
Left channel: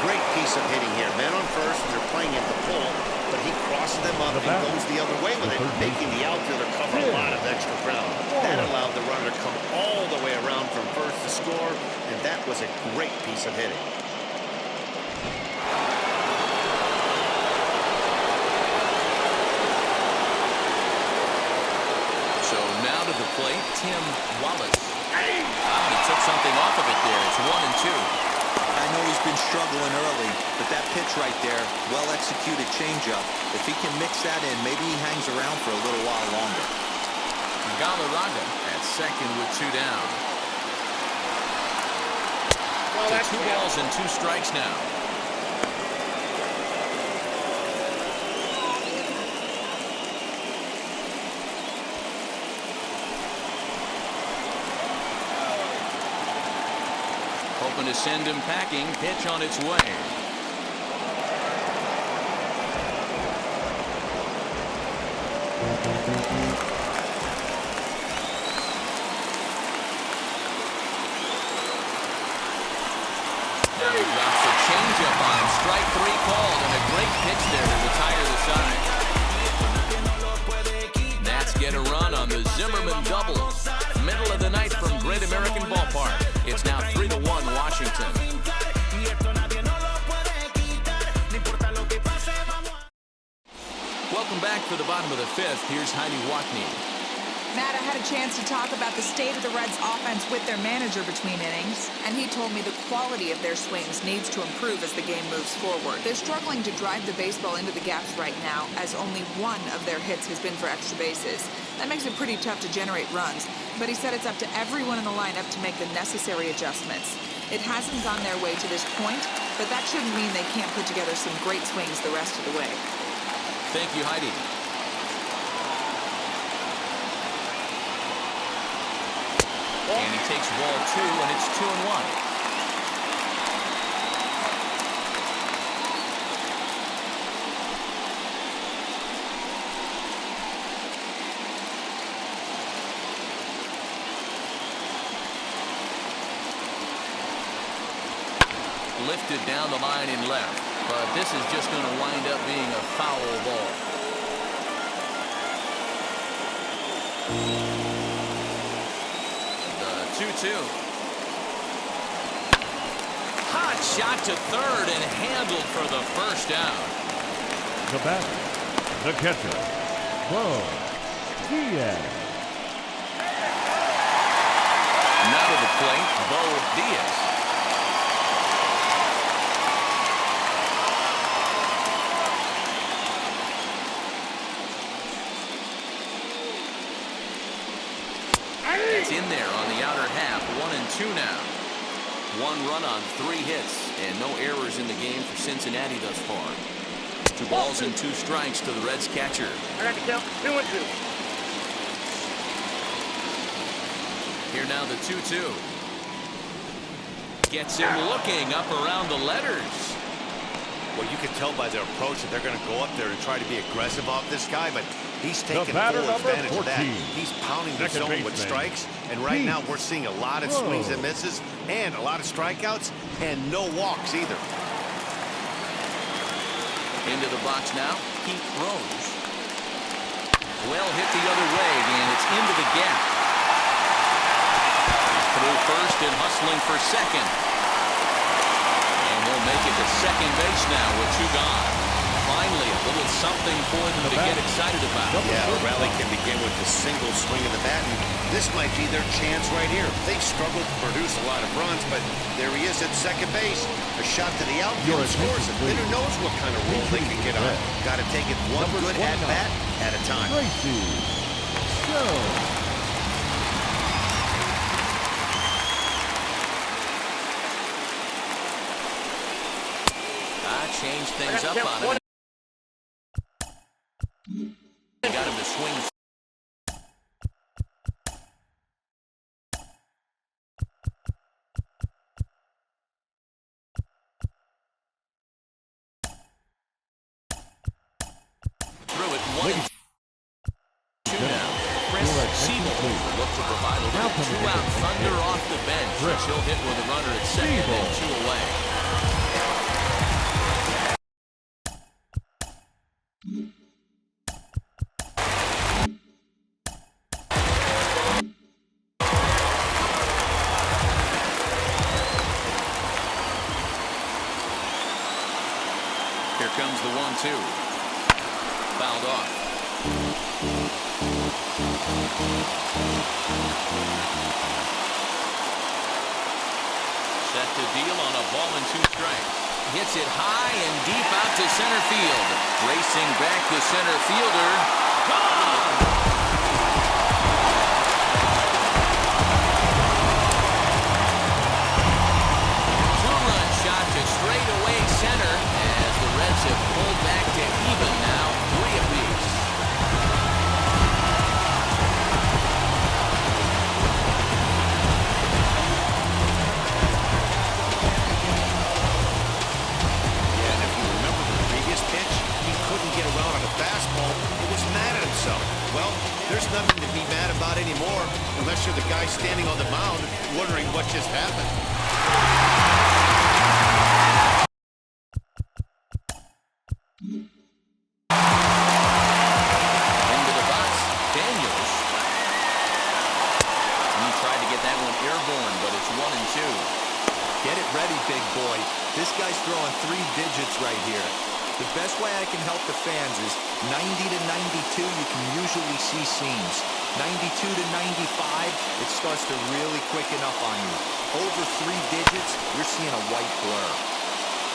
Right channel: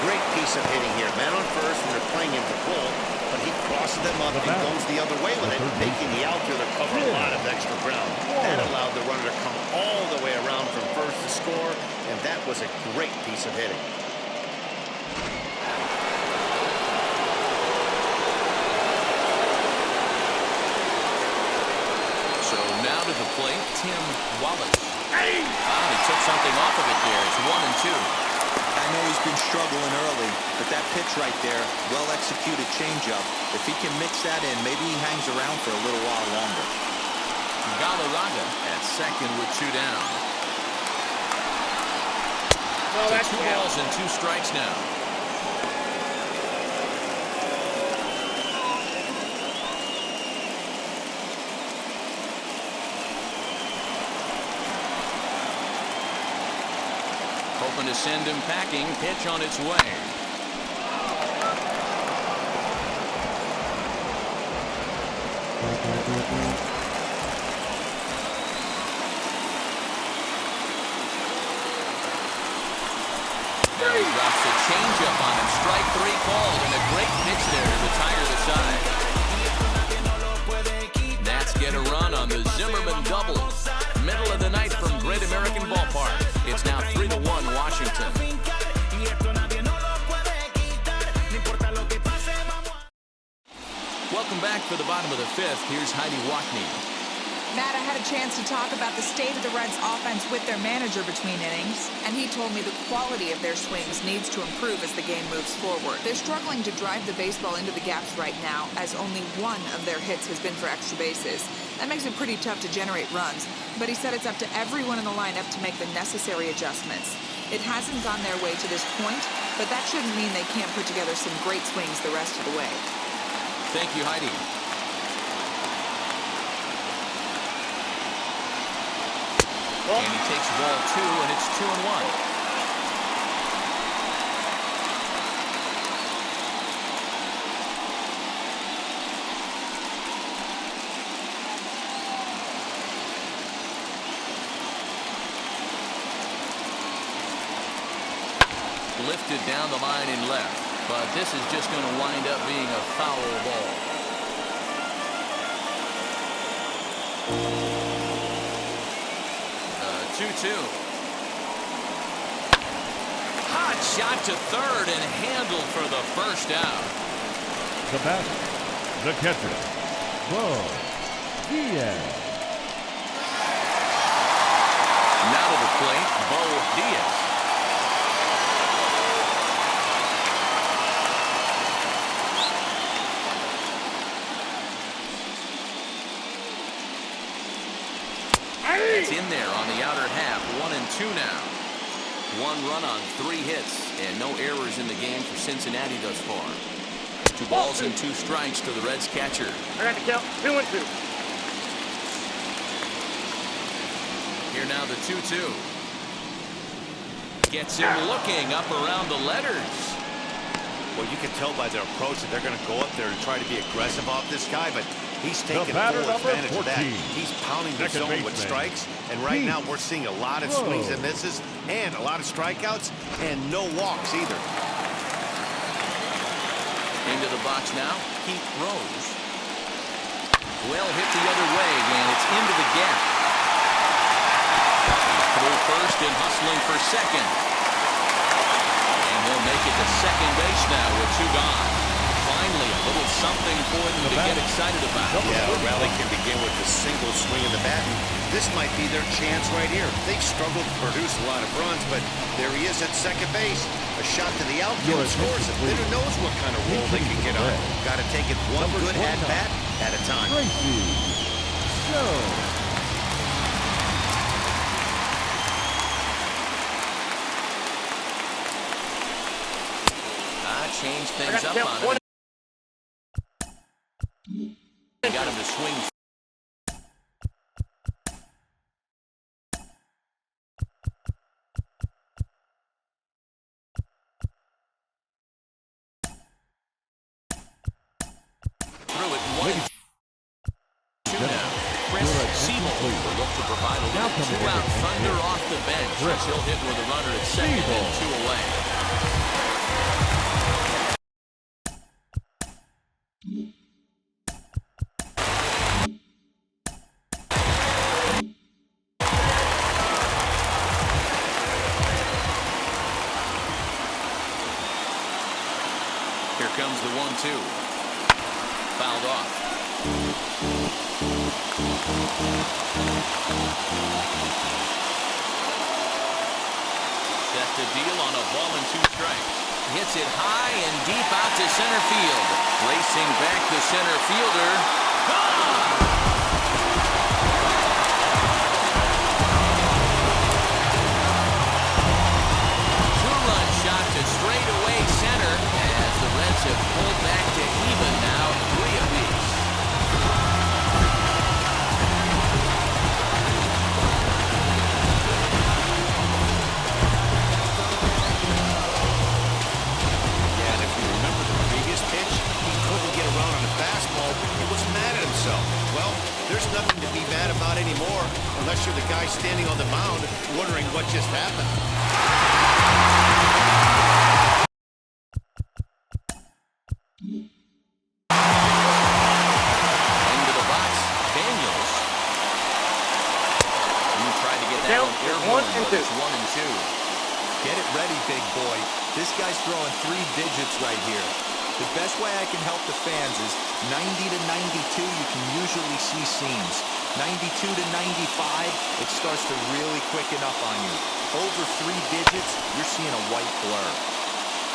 Great piece of hitting here. Men on first, and they're playing into the pull, but he crosses them up and goes the other way with it, making the outfielder cover a lot of extra ground. That allowed the runner to come all the way around from first to score, and that was a great piece of hitting. So now to the plate, Tim Wallace. He took something off of it there. It's 1-2. I know he's been struggling early, but that pitch right there, well-executed changeup. If he can mix that in, maybe he hangs around for a little while longer. Galarraga at second with 2 down. No, So 2 balls and 2 strikes now. Hoping to send him packing. Pitch on its way. Now he drops a changeup on him. Strike 3 called, and a great pitch there to retire the side. Nats get a run on the Zimmerman double. Middle of the night from Great American Ballpark. It's now 3-1 Washington. Welcome back for the bottom of the 5th. Here's Heidi Wackney. Matt, I had a chance to talk about the state of the Reds' offense with their manager between innings, and he told me the quality of their swings needs to improve as the game moves forward. They're struggling to drive the baseball into the gaps right now, as only 1 of their hits has been for extra bases. That makes it pretty tough to generate runs, but he said it's up to everyone in the lineup to make the necessary adjustments. It hasn't gone their way to this point, but that shouldn't mean they can't put together some great swings the rest of the way. Thank you, Heidi. And he takes ball 2, and it's 2-1. Lifted down the line in left, but this is just going to wind up being a foul ball. The 2-2. Hot shot to third and handled for the first out. The batter, the catcher, Bo Diaz. Now to the plate, Bo Diaz. It's in there on the outer half. 1-2 now. 1 run on 3 hits, and no errors in the game for Cincinnati thus far. 2 balls and 2 strikes to the Reds catcher. I got the count. 2-2. Here now the 2-2. Gets him looking up around the letters. Well, you can tell by their approach that they're going to go up there and try to be aggressive off this guy, but he's taking full advantage of that. He's pounding the zone with strikes, and right now we're seeing a lot of swings and misses and a lot of strikeouts and no walks either. Into the box now, Pete Rose. Well hit the other way, and it's into the gap. He's through first and hustling for second. And he'll make it to second base now with 2 gone. Finally, a little something for them to get excited about. Yeah, a rally can begin with a single swing of the bat, and this might be their chance right here. They've struggled to produce a lot of runs, but there he is at second base. A shot to the outfield scores it. Then who knows what kind of roll they can get on. Got to take it one good at-bat at a time. Tracy Joe. Changed things up on him. They got him to swing. Through it 1-2 now. Chris Siebel will look to provide a little 2-out thunder off the bench as he'll hit with a runner at second and 2 away. Here comes the 1-2. Fouled off. Set to deal on a ball and 2 strikes. Hits it high and deep out to center field. Racing back the center fielder. Gone! Shot to straightaway center as the Reds have pulled back to even now, 3 apiece. Yeah, and if you remember the previous pitch, he couldn't get around on a fastball. He was mad at himself. Well, there's nothing to be mad about anymore unless you're the guy standing on the mound wondering what just happened. Into the box, Daniels. He tried to get that one airborne, but it's 1-2. Get it ready, big boy. This guy's throwing 3 digits right here. The best way I can help the fans is 90 to 92, you can usually see seams. 92 to 95, it starts to really quicken up on you. Over 3 digits, you're seeing a white blur.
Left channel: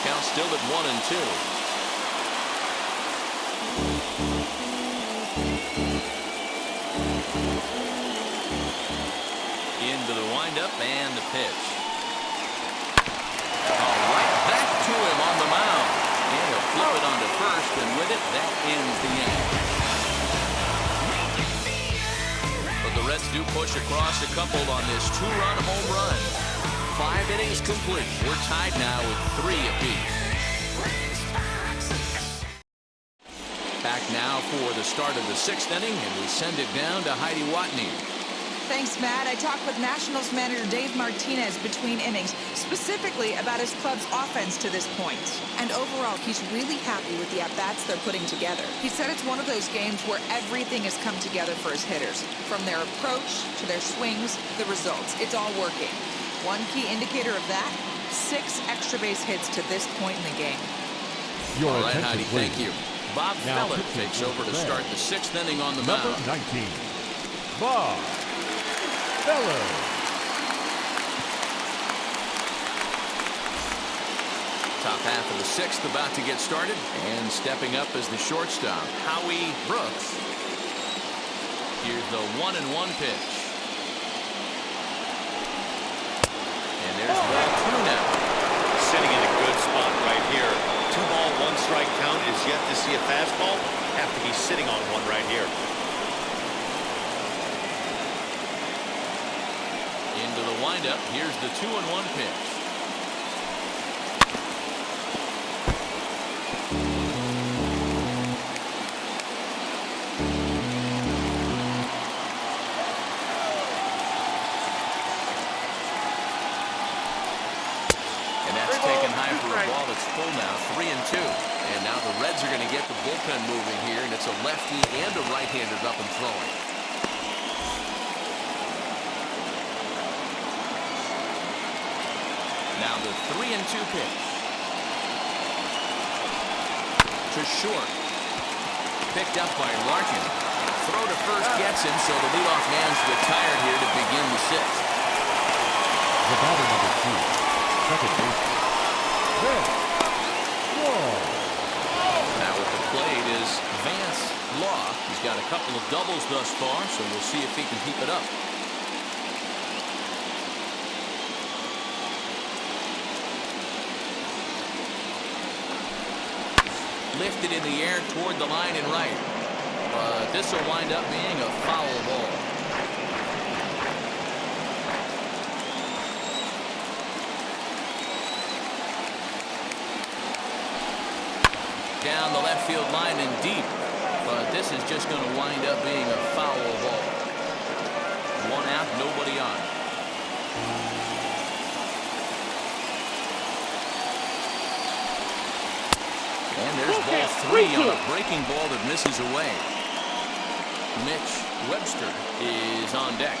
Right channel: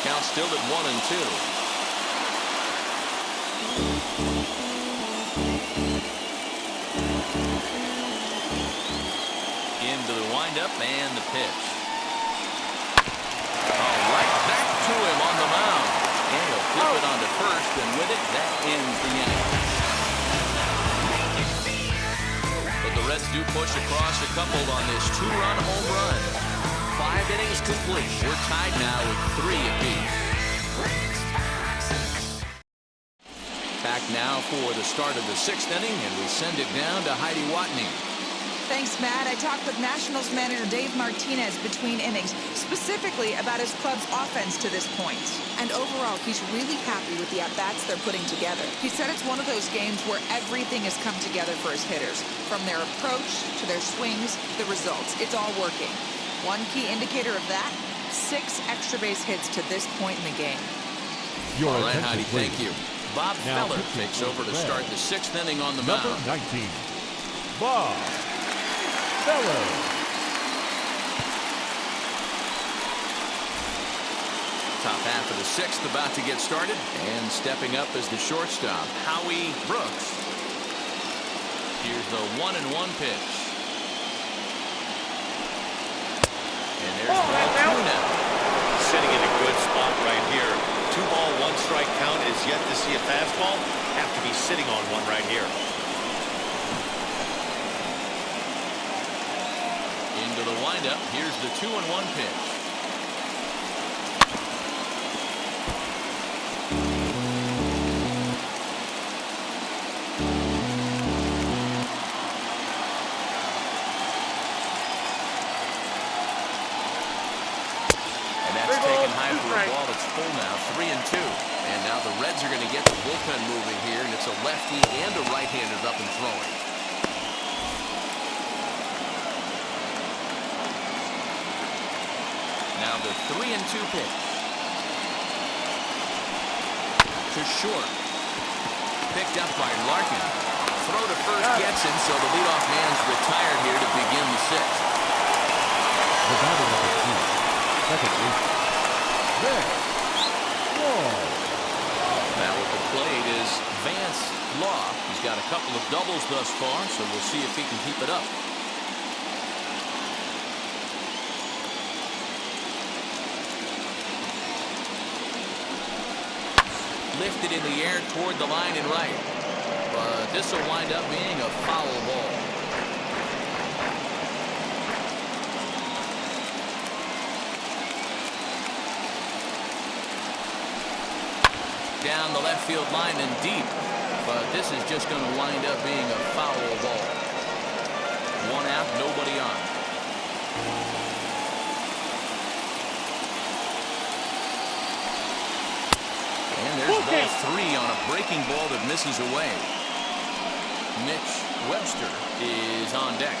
Count still at 1-2. Into the windup and the pitch. All right, back to And he'll flip it onto first, and with it, that ends the inning. But the Reds do push across a couple on this two-run home run. 5 innings complete. We're tied now with 3 apiece. Back now for the start of the 6th inning, and we send it down to Heidi Watney. Thanks, Matt. I talked with Nationals manager Dave Martinez between innings, specifically about his club's offense to this point. And overall, he's really happy with the at-bats they're putting together. He said it's one of those games where everything has come together for his hitters. From their approach to their swings, the results. It's all working. One key indicator of that, 6 extra base hits to this point in the game. All right, Heidi, thank you. Bob Now Feller takes over to start the 6th inning on the mound. Number 19, Bob Feller. Top half of the 6th about to get started, and stepping up as the shortstop, Howie Brooks. Here's the 1-1 pitch. And there's ball 2 now. Sitting in a good spot right here. 2-ball, 1-strike count is yet to see a fastball. Have to be sitting on one right here. Into the windup. Here's the 2-1 pitch. And that's taken high for a ball that's full now, 3-2. And now the Reds are going to get the bullpen moving here, and it's a lefty and a right-hander up and throwing. Now the 3-2 pitch. To short. Picked up by Larkin. Throw to first gets him, so the leadoff man's retired here to begin the 6th. The batter number 2, second baseman, Vance Law. Now at the plate is Vance Law. He's got a couple of doubles thus far, so we'll see if he can keep it up. Lifted in the air toward the line and right. But this will wind up being a foul ball. Down the left field line and deep. But this is just going to wind up being a foul ball. 1 out, nobody on. And there's ball 3 on a breaking ball that misses away. Mitch Webster is on deck.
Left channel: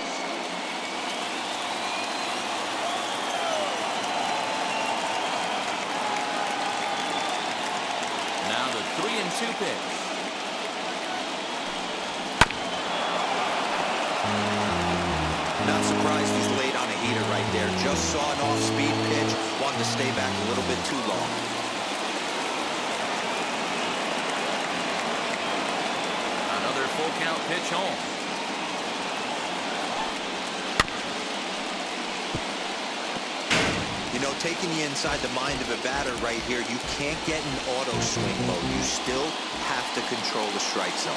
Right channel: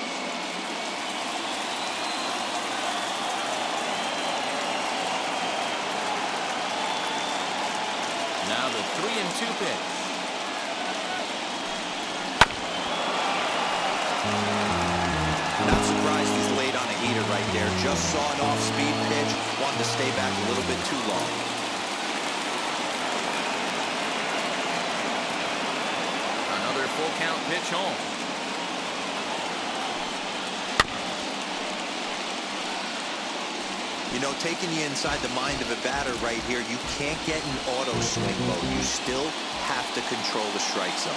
Now the 3-2 pitch. Not surprised he's laid on a heater right there. Just saw an off-speed pitch. Wanted to stay back a little bit too long. Another full count pitch home. You know, taking you inside the mind of a batter right here, you can't get in auto swing mode. You still have to control the strike zone.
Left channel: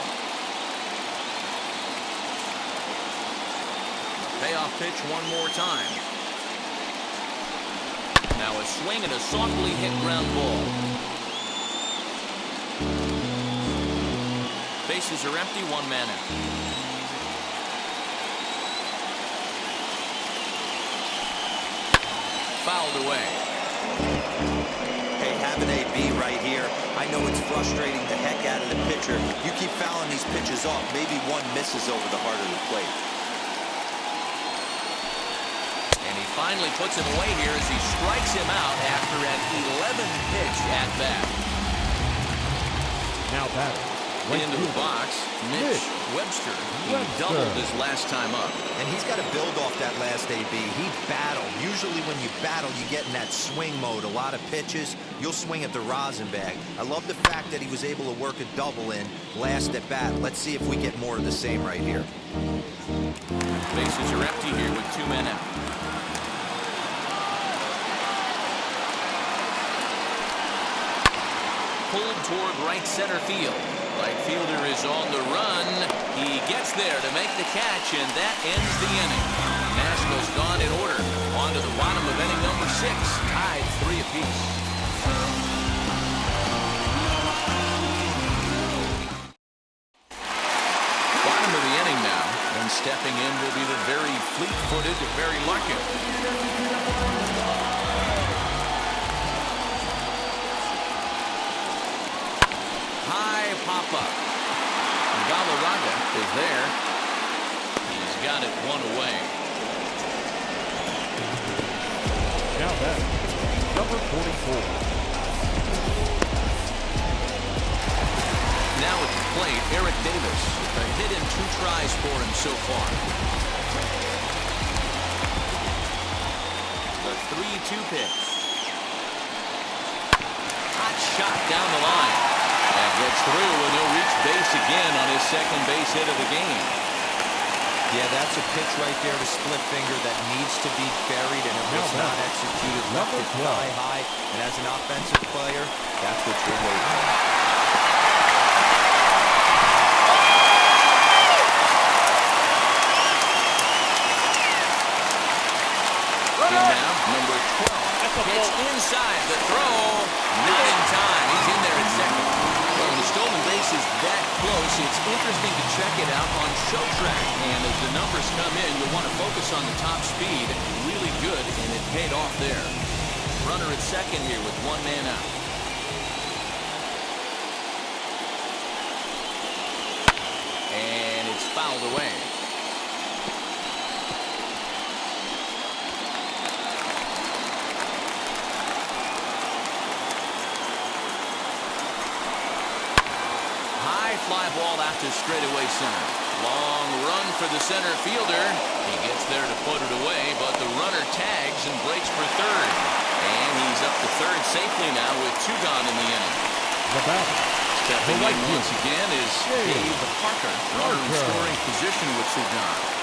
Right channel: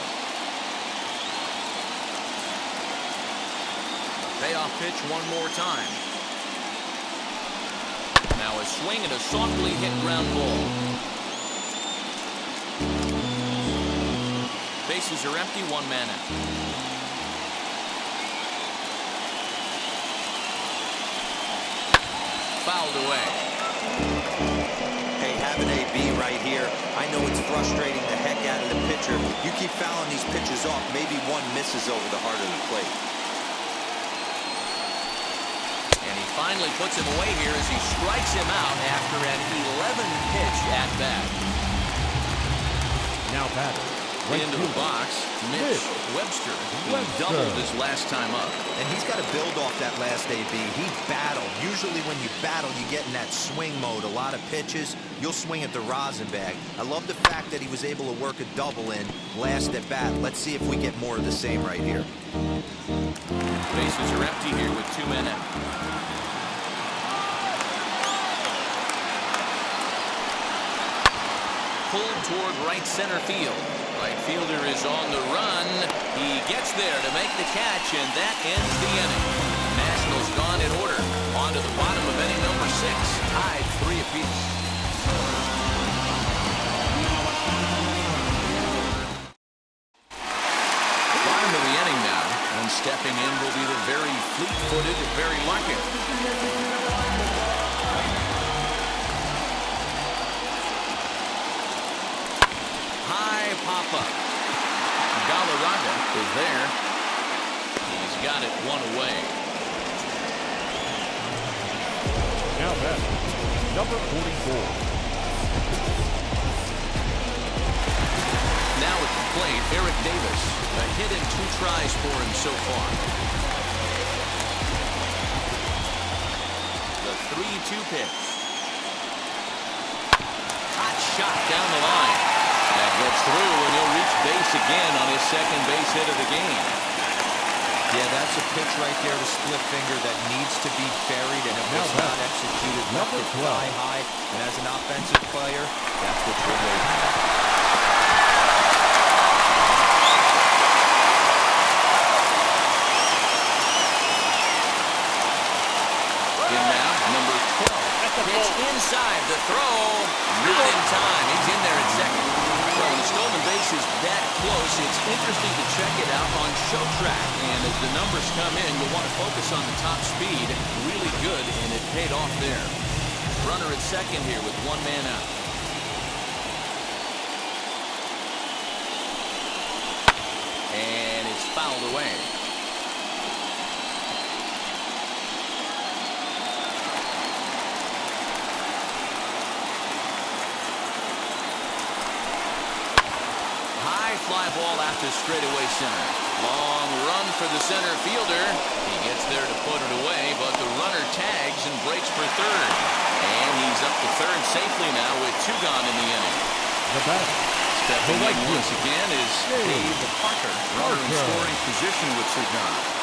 A payoff pitch one more time. Now a swing and a softly hit ground ball. Bases are empty, 1 man out. Fouled away. Hey, have an AB right here. I know it's frustrating the heck out of the pitcher. You keep fouling these pitches off, maybe one misses over the heart of the plate. And he finally puts him away here as he strikes him out after an 11-pitch at-bat. Now batter, right Into the fielder, box, Mitch Webster. He doubled his last time up. And he's got to build off that last AB. He battled. Usually when you battle, you get in that swing mode. A lot of pitches, you'll swing at the rosin bag. I love the fact that he was able to work a double in last at bat. Let's see if we get more of the same right here. Bases are empty here with 2 men out. pulled toward right center field. Right fielder is on the run. He gets there to make the catch, and that ends the inning. Nationals gone in order. On to the bottom of inning number 6. Tied 3 apiece. Bottom of the inning now. And stepping in will be the very fleet-footed Barry Larkin. High pop-up. Galarraga is there. He's got it one away. Now back, number 44. Now at the plate, Eric Davis. A hit in 2 tries for him so far. The 3-2 pitch. Hot shot down the line. That gets through, and he'll reach base again on his second base hit of the game. Yeah, that's a pitch right there to split finger that needs to be buried, and it was not executed. Left it thigh high, and as an offensive player, that's what you're waiting on. In now, number 12. Pitch inside the throw. Not in time. He's in there at second. Well, when a stolen base is that close, it's interesting to check it out on Show Track. And as the numbers come in, you'll want to focus on the top speed. Really good, and it paid off there. Runner at second here with 1 man out. And it's fouled away. High fly ball out to straightaway center. Long run for the center fielder. He gets there to put it away, but the runner tags and breaks for third. And he's up to third safely now with 2 gone in the inning. The batter, stepping in once again is Dave Parker. Runner in scoring position with 2 gone.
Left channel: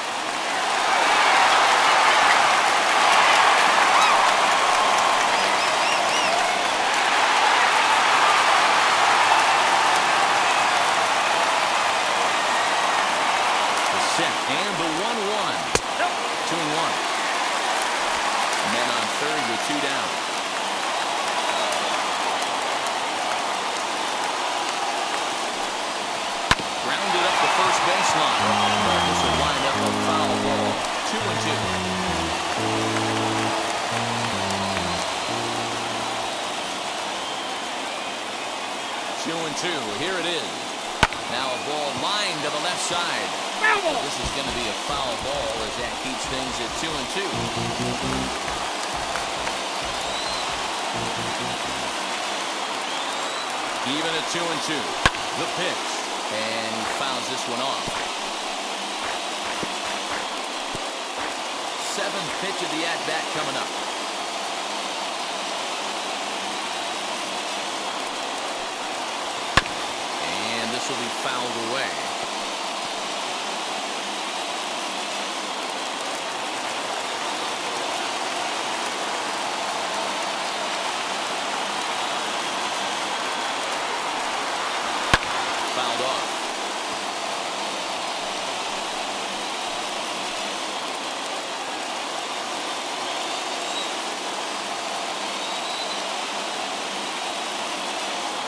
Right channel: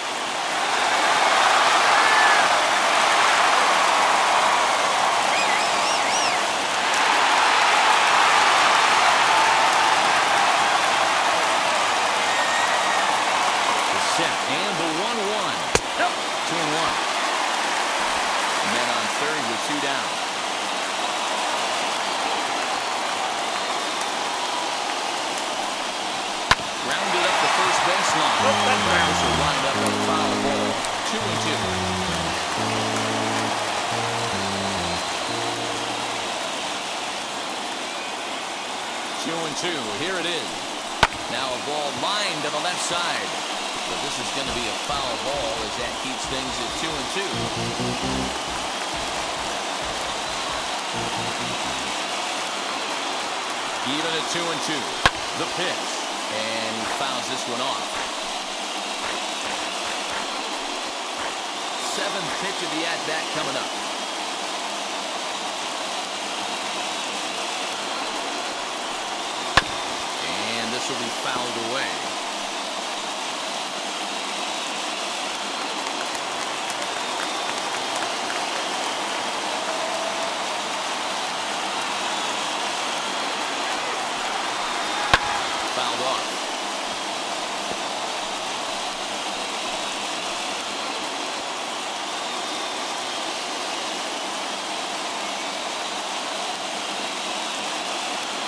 Set and the 1-1. 2-1. Men on third with 2 down. Grounded up the first baseline. This will wind up a foul ball. 2-2. 2-2. Here it is. Now a ball lined to the left side. So this is going to be a foul ball as that keeps things at 2-2. Even at 2-2. The pitch. And he fouls this one off. 7th pitch of the at-bat coming up. And this will be fouled away. Fouled off.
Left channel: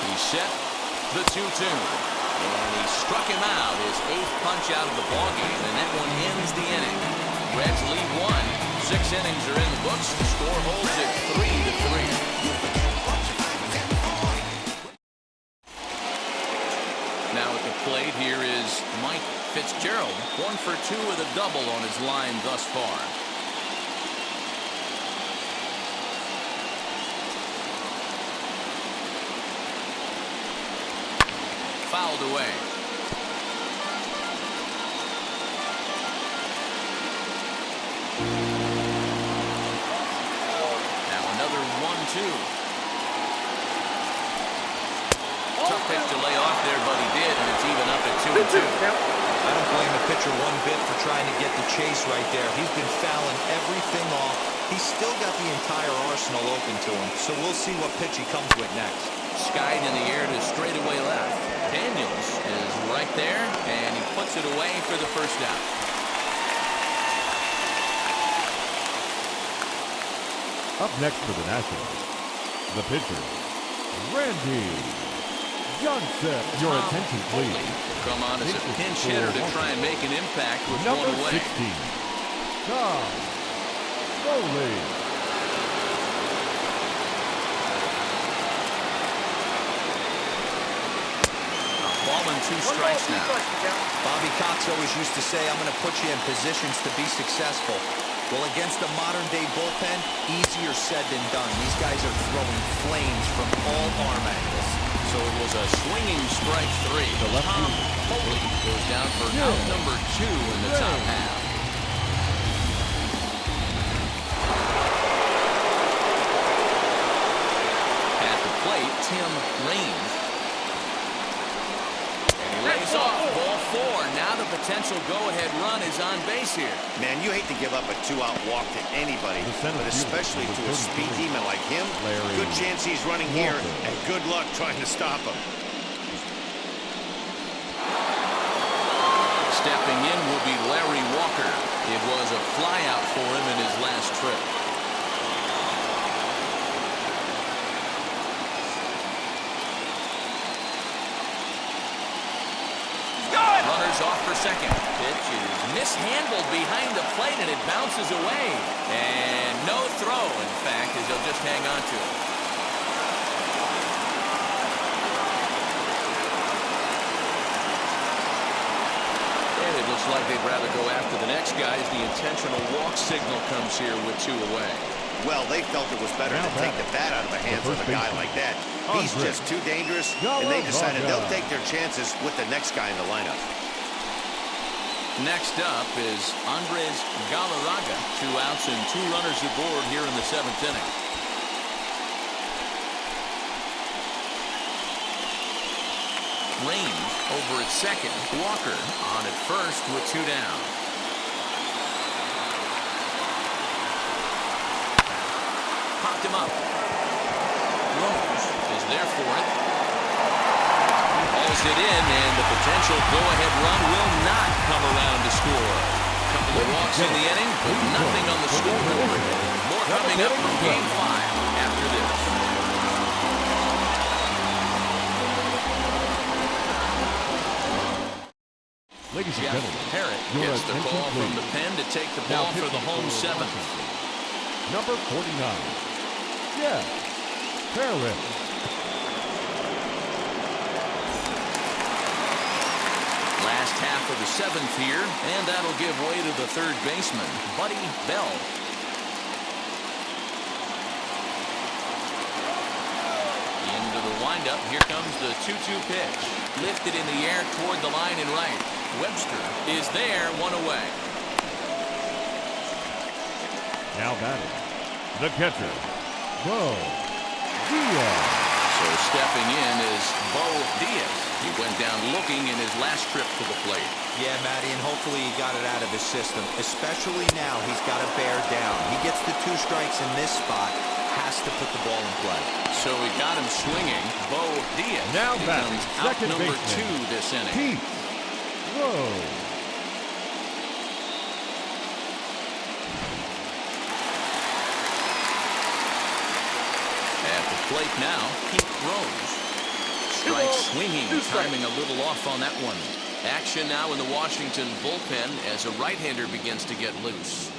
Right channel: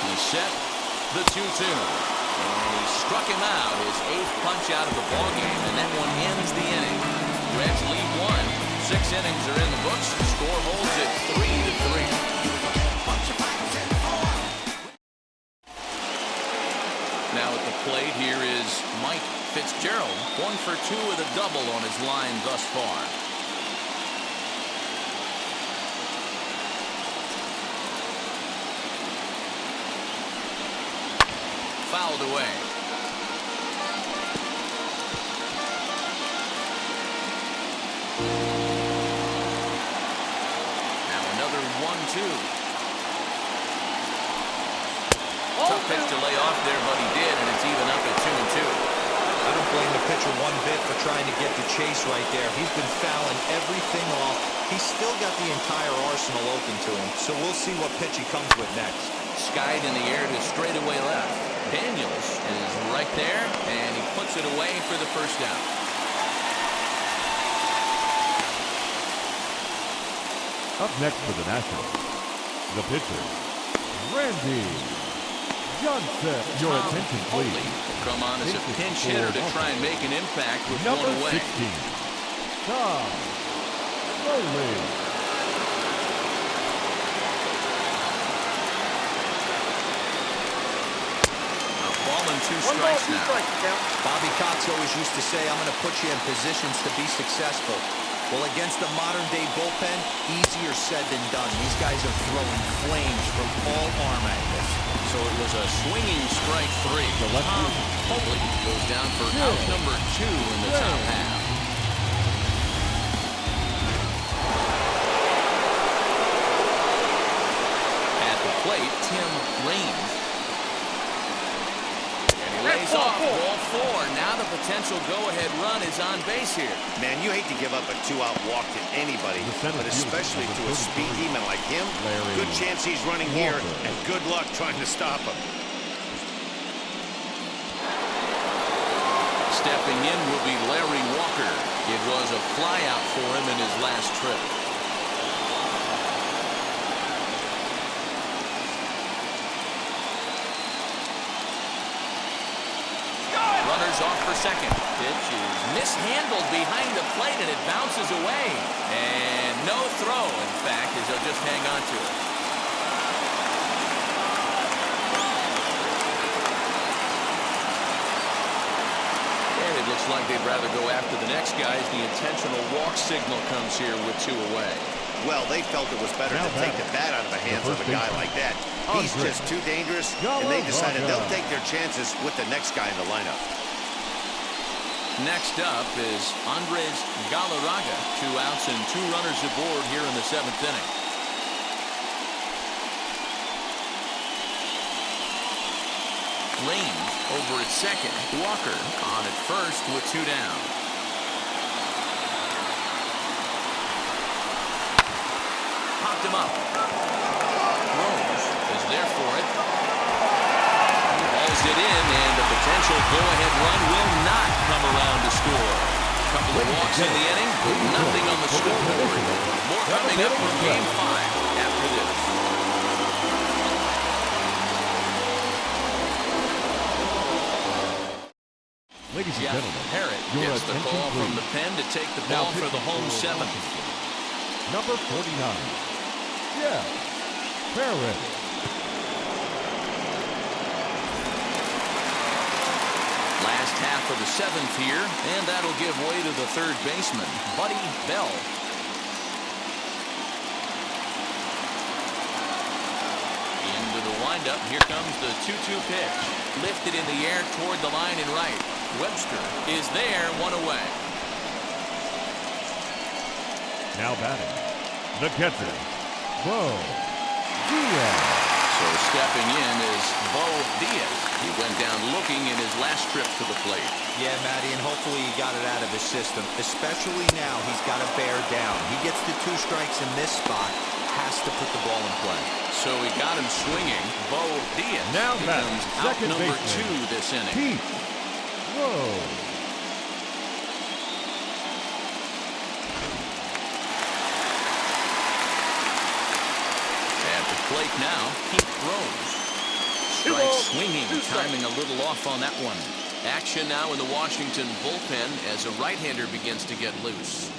He's set. The 2-2. And he struck him out, his 8th punch out of the ballgame, and that one ends the inning. Reds lead 1. 6 innings are in the books. The score holds at 3-3. Now at the plate, here is Mike Fitzgerald. 1 for 2 with a double on his line thus far. Fouled away. Now another 1-2. Tough pitch to lay off there, but he did, and it's even up at 2-2. I don't blame the pitcher one bit for trying to get the chase right there. He's been fouling everything off. He's still got the entire arsenal open to him, so we'll see what pitch he comes with next. skied in the air to straightaway left. Daniels is right there, and he puts it away for the first down. Up next for the Nationals, the pitcher, Randy Johnson. Your Tom attention, Foley please. will come on as a Pitches pinch for hitter to Washington. try and make an impact with Number one away. 16, Tom Foley. Ball and 2 1 ball, 2 strikes now. strikes, the count. Bobby Cox always used to say, I'm going to put you in positions to be successful. Well, against the modern-day bullpen, easier said than done. These guys are throwing flames from all arm angles. So it was a swinging strike 3. The left Tom fielder. Foley goes down for Yeah. out number 2 in the top half. At the plate, Tim Raines. And he lays off ball 4. Now the potential go-ahead run is on base here. Man, you hate to give up a 2-out walk to anybody, The center but fielder, especially number to a speed 33, demon like him. Larry Good chance he's running here, Walker. and good luck trying to stop him. Stepping in will be Larry Walker. It was a flyout for him in his last trip. Runners off for second. Pitch is mishandled behind the plate, and it bounces away. And no throw, in fact, as he'll just hang on to it. And it looks like they'd rather go after the next guy as the intentional walk signal comes here with 2 away. Well, they felt it was better Now to take the batting, bat out of the hands the of a first guy baseman, like that. He's Andre just too dangerous, and they decided Galarraga. they'll take their chances with the next guy in the lineup. Next up is Andres Galarraga. 2 outs and 2 runners aboard here in the 7th inning. Raines over at second. Walker on at first with 2 down. Popped him up. Rose is there for it. He hauls it in, and the potential go-ahead run will not come around to score. Couple of walks in the inning, but nothing on the scoreboard. More coming up from Game 5 after this. Ladies and Jeff gentlemen, Parrott your gets the attention, call from please. the pen to take the Now ball for the pitching home for 7th. Washington, number 49, Jeff Parrott. Last half of the 7th here, and that'll give way to the 3rd baseman, Buddy Bell. Into the windup. Here comes the 2-2 pitch. Lifted in the air toward the line and right. Webster is there, 1 away. Now batting, the catcher, Bo Diaz. So stepping in is Bo Diaz. He went down looking in his last trip to the plate. Yeah, Matty, and hopefully he got it out of his system. Especially now, he's got to bear down. He gets the 2 strikes in this spot, has to put the ball in play. So he got him swinging. Bo Diaz Now batting, becomes out second number baseman, 2 this inning. Pete Rose. At the plate now, Pete Rose. 2 Strike balls, swinging, 2 strikes. timing a little off on that one. Action now in the Washington bullpen as a right-hander begins to get loose.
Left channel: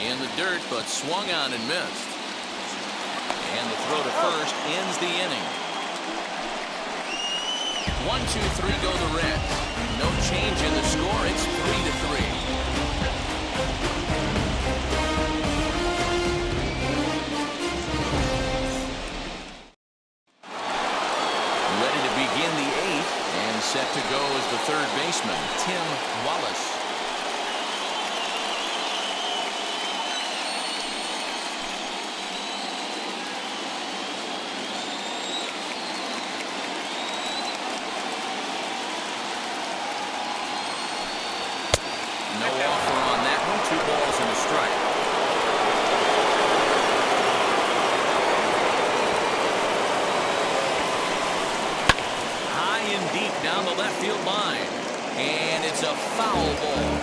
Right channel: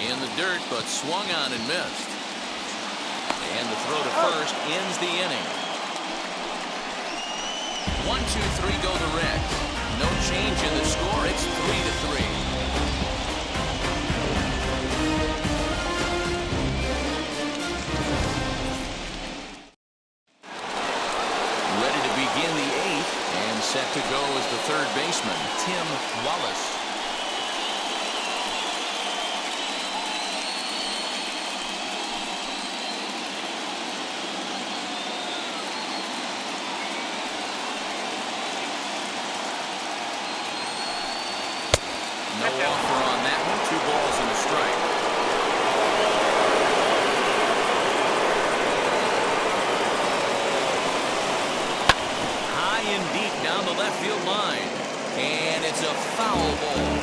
In the dirt, but swung on and missed. And the throw to first ends the inning. 1-2-3 go the Reds. No change in the score. It's 3-3. Ready to begin the 8th, and set to go as the 3rd baseman, Tim Wallace. No offer on that one. 2 balls and a strike. and deep down the left field line. And it's a foul ball.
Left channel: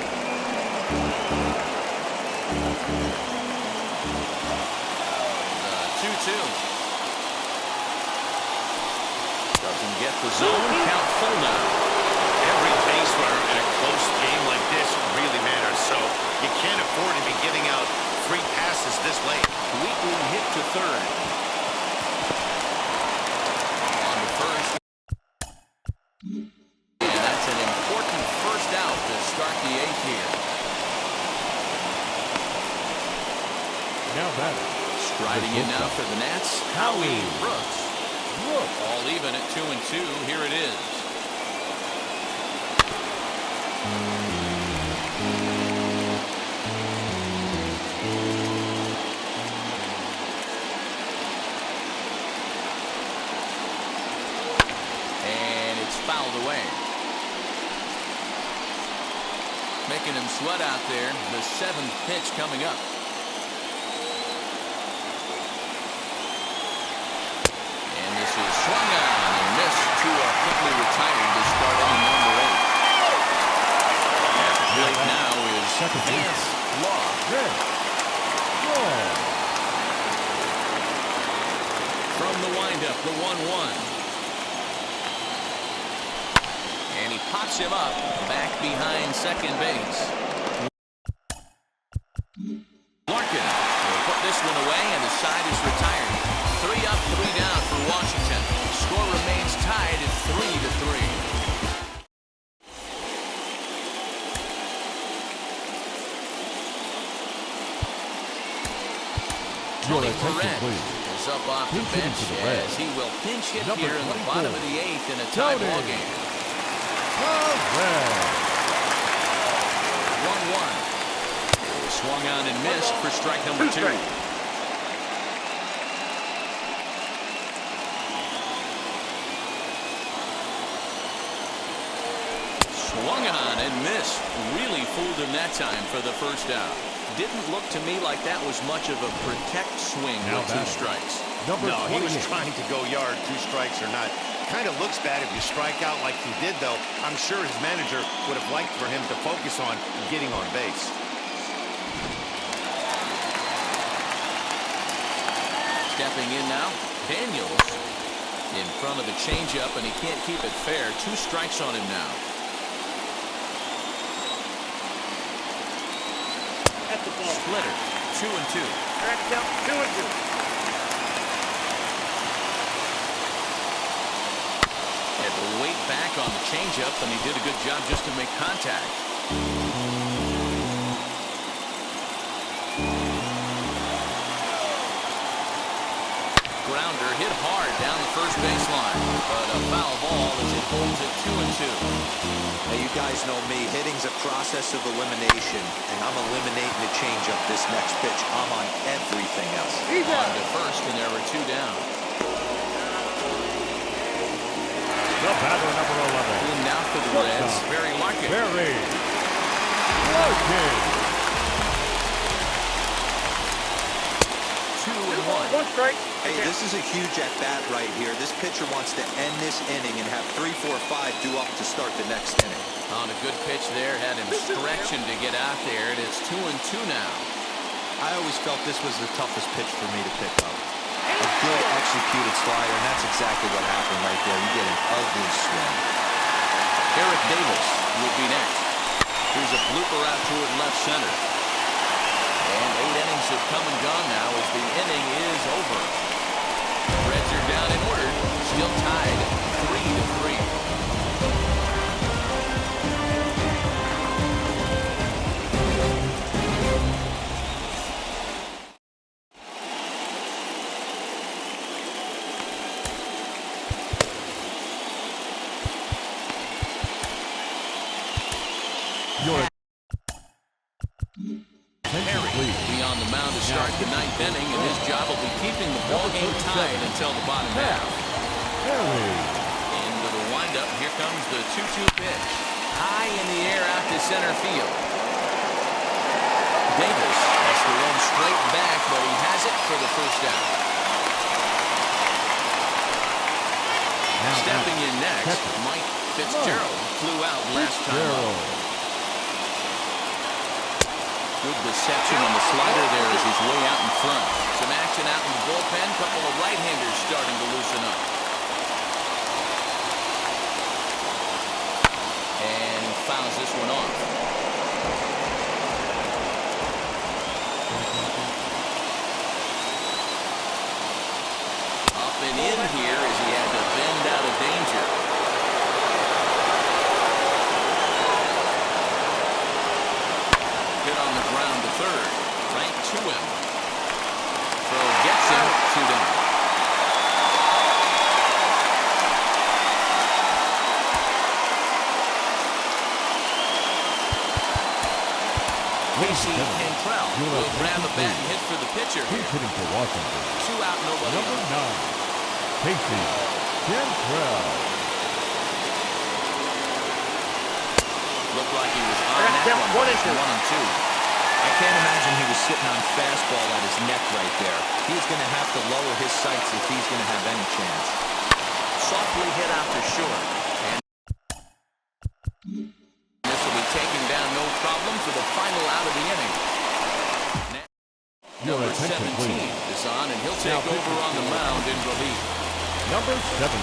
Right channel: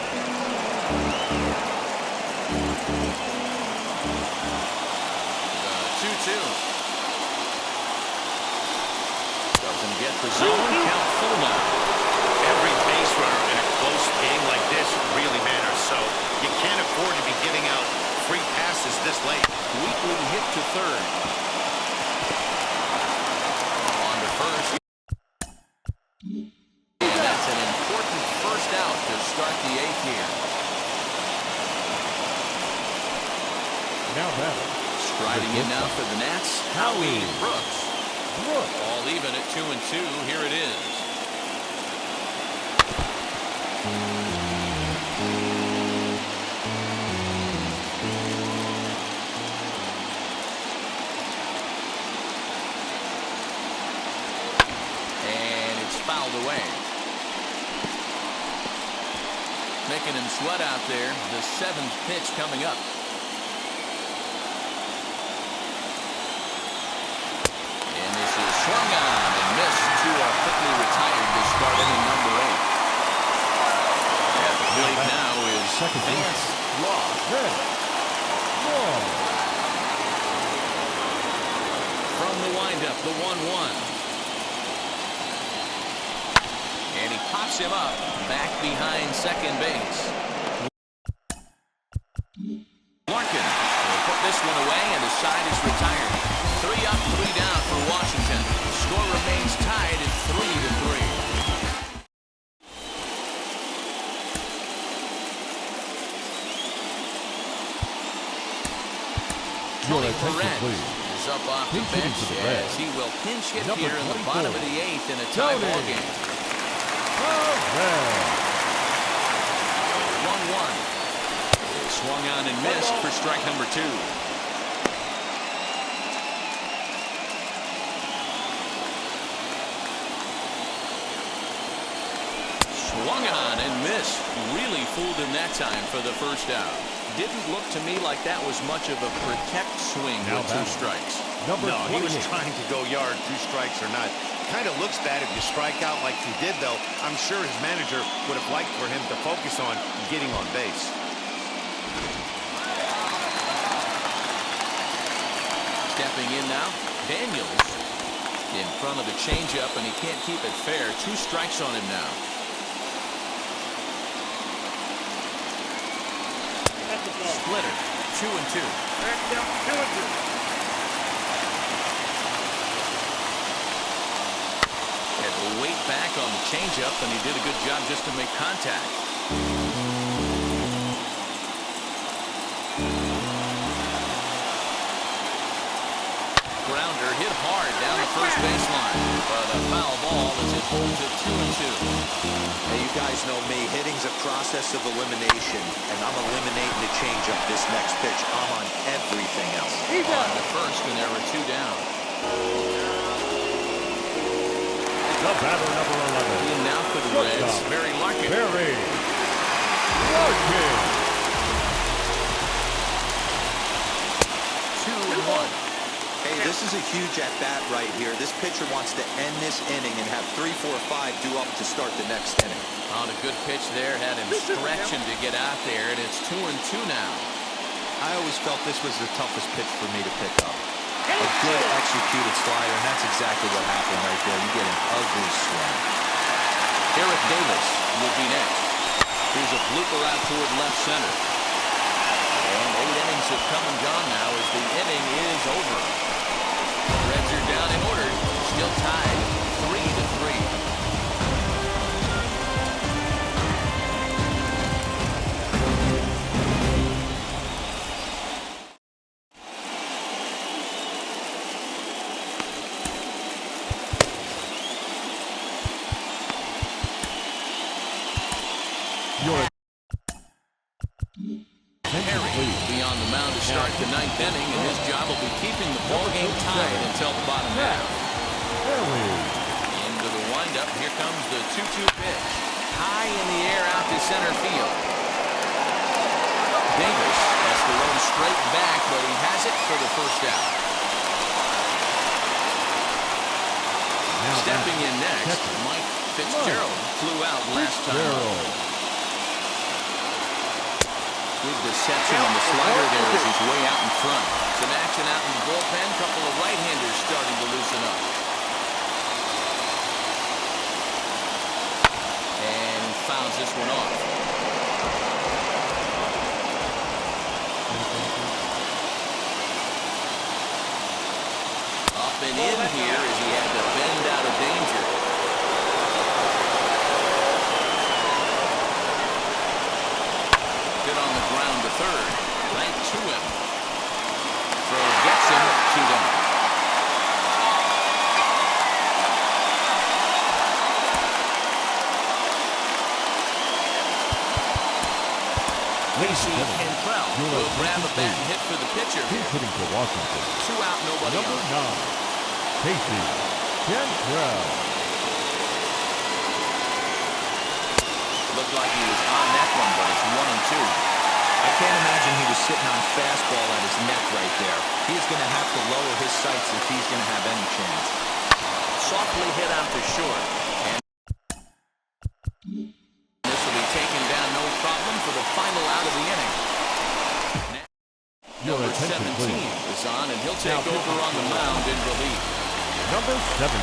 The 2-2. Doesn't get the zone. Count full now. Every base runner in a close game like this really matters, so you can't afford to be giving out free passes this late. Weekly hit to third. On to first. And that's an important first out to start the 8th here. Now batting. Striding in now for the Nats, Howie Brooks. All even at 2-2. Here it is. And it's fouled away. Making him sweat out there. The 7th pitch coming up. And this is swung on and missed. Two are quickly retired to start inning number 8. At the plate now is Vance Law. From the windup, the 1-1. And he pops him up back behind second base. Larkin will put this one away, and the side is retired. 3 up, 3 down for Washington. Score remains tied at 3-3. Tony Perez is up off the bench as he will pinch hit here in the bottom of the 8th in a tie ball game. 1-1. Swung on and missed for strike number 2. Swung on and missed. Really fooled him that time for the first out. Didn't look to me like that was much of a protect swing with 2 strikes. No, he was trying to go yard, 2 strikes or not. Kind of looks bad if you strike out like he did, though. I'm sure his manager would have liked for him to focus on getting on base. Stepping in now, Daniels in front of the changeup, and he can't keep it fair. 2 strikes on him now. That's the ball. Splitter, 2-2. That's down 2-2. Had to wait back on the changeup, and he did a good job just to make contact. Grounder hit hard down the first baseline, but a foul ball as it holds it 2-2. Hey, you guys know me. Hitting's a process of elimination, and I'm eliminating the changeup this next pitch. I'm on everything else. On to first, and there were 2 down. The batter, number 11. In now for the Reds, Barry Larkin. Barry Larkin. 2-1. Hey, this is a huge at-bat right here. This pitcher wants to end this inning and have 3, 4, 5 due up to start the next inning. On a good pitch there, had him stretching to get out there, and it's 2-2 now. I always felt this was the toughest pitch for me to pick up. A good executed slider, and that's exactly what happened right there. You get an ugly swing. Eric Davis will be next. Here's a blooper out toward left center. And 8 innings have come and gone now as the inning is over. Reds are down and ordered, still tied 3-3. Perry will be on the mound to start the 9th inning, and his job will be keeping the ball game tied until the bottom half. Into the windup, here comes the 2-2 pitch. High in the air out to center field. Davis has to roll straight back, but he has it for the first out. Stepping in next, Mike Fitzgerald flew out last time up. Good deception on the slider there as he's way out in front. Some action out in the bullpen. Couple of right-handers starting to loosen up. And he fouls this one off. Up and in here as he had to bend out of danger. Good on the ground to third. Right to him. Throw gets him. 2 down. Casey Cantrell will grab a bat and hit for the pitcher here. He's hitting for Washington. 2 out, nobody Number on. 9, Casey Cantrell. Looked like he was on that one, but it's 1-2. I can't imagine he was sitting on fastball at his neck right there. He is going to have to lower his sights if he's going to have any chance. Softly hit out to short. And this will be taken down no problem for the final out of the inning. Now, number 17 is on, and he'll take over on the mound in relief. Number 17.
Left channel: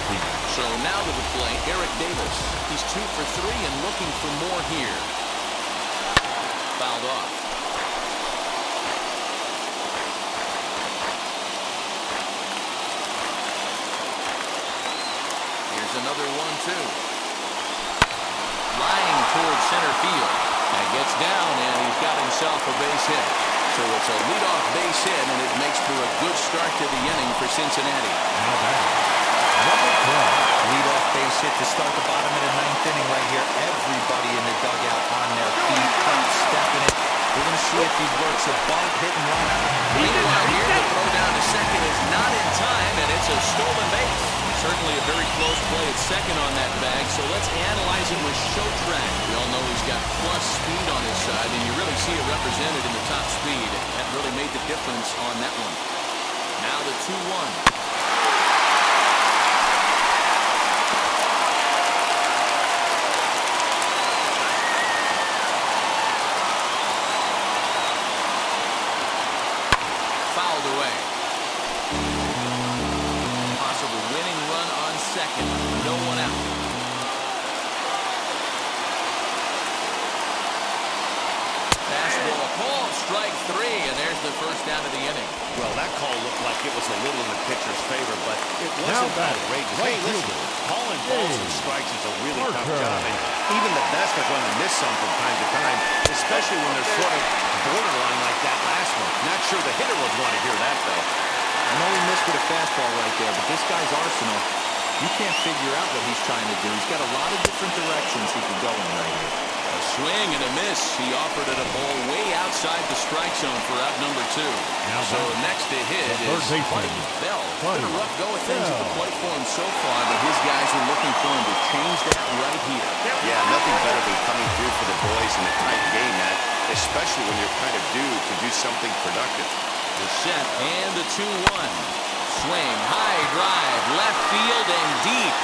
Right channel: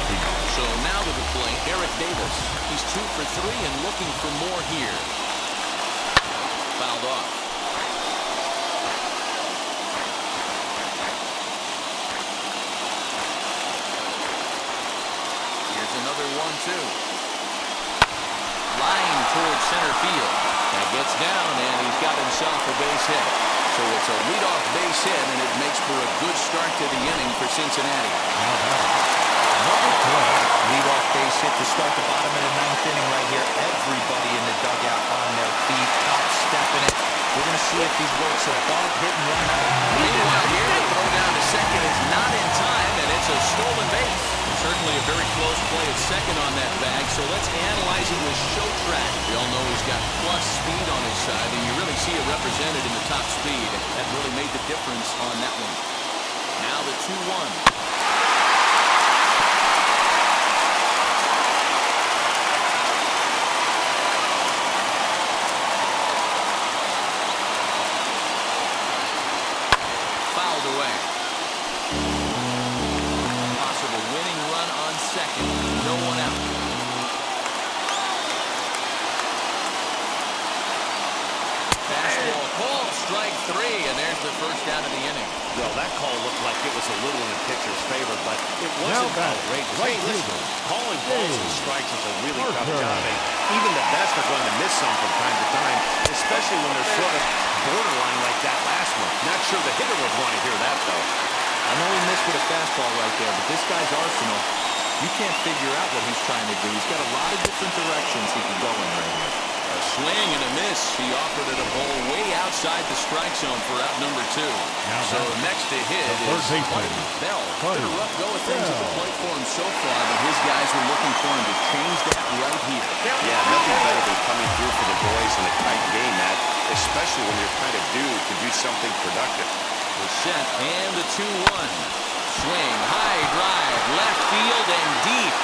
So now to the plate, Eric Davis. He's 2 for 3 and looking for more here. Fouled off. Here's another 1-2. Lying towards center field. That gets down, and he's got himself a base hit. So it's a leadoff base hit, and it makes for a good start to the inning for Cincinnati. Now batting. Number 12. Leadoff base hit to start the bottom of the 9th inning right here. Everybody in the dugout on their feet, top stepping it. We're going to see if he works a bunt, hit and run out. Meanwhile here, the throw down to second is not in time, and it's a stolen base. Certainly a very close play at second on that bag, so let's analyze it with show track. We all know he's got plus speed on his side, and you really see it represented in the top speed. That really made the difference on that one. Now the 2-1. Fouled away. Possible winning run on second. No one out. Fastball call, strike 3, and there's the first out of the inning. Well, that call looked like it was a little in the pitcher's favor, but it wasn't outrageous. Right hey, listen, fielder. calling balls and strikes is a really tough Marker. job, and even the best are going to miss some from time to time, especially when they're sort of borderline like that last one. Not sure the hitter would want to hear that, though. I know he missed with a fastball right there, but this guy's arsenal, you can't figure out what he's trying to do. He's got a lot of different directions he could go in right here. A swing and a miss. He offered it a ball way outside the strike zone for out number 2. Now so next to hit is Buddy Bell. Been a rough go of things at the plate for him so far, but his guys are looking for him to change that right here. Yeah, nothing better than coming through for the boys in a tight game, Matt, especially when you're kind of due to do something productive. The set and the 2-1. Swing, high drive, left field and deep.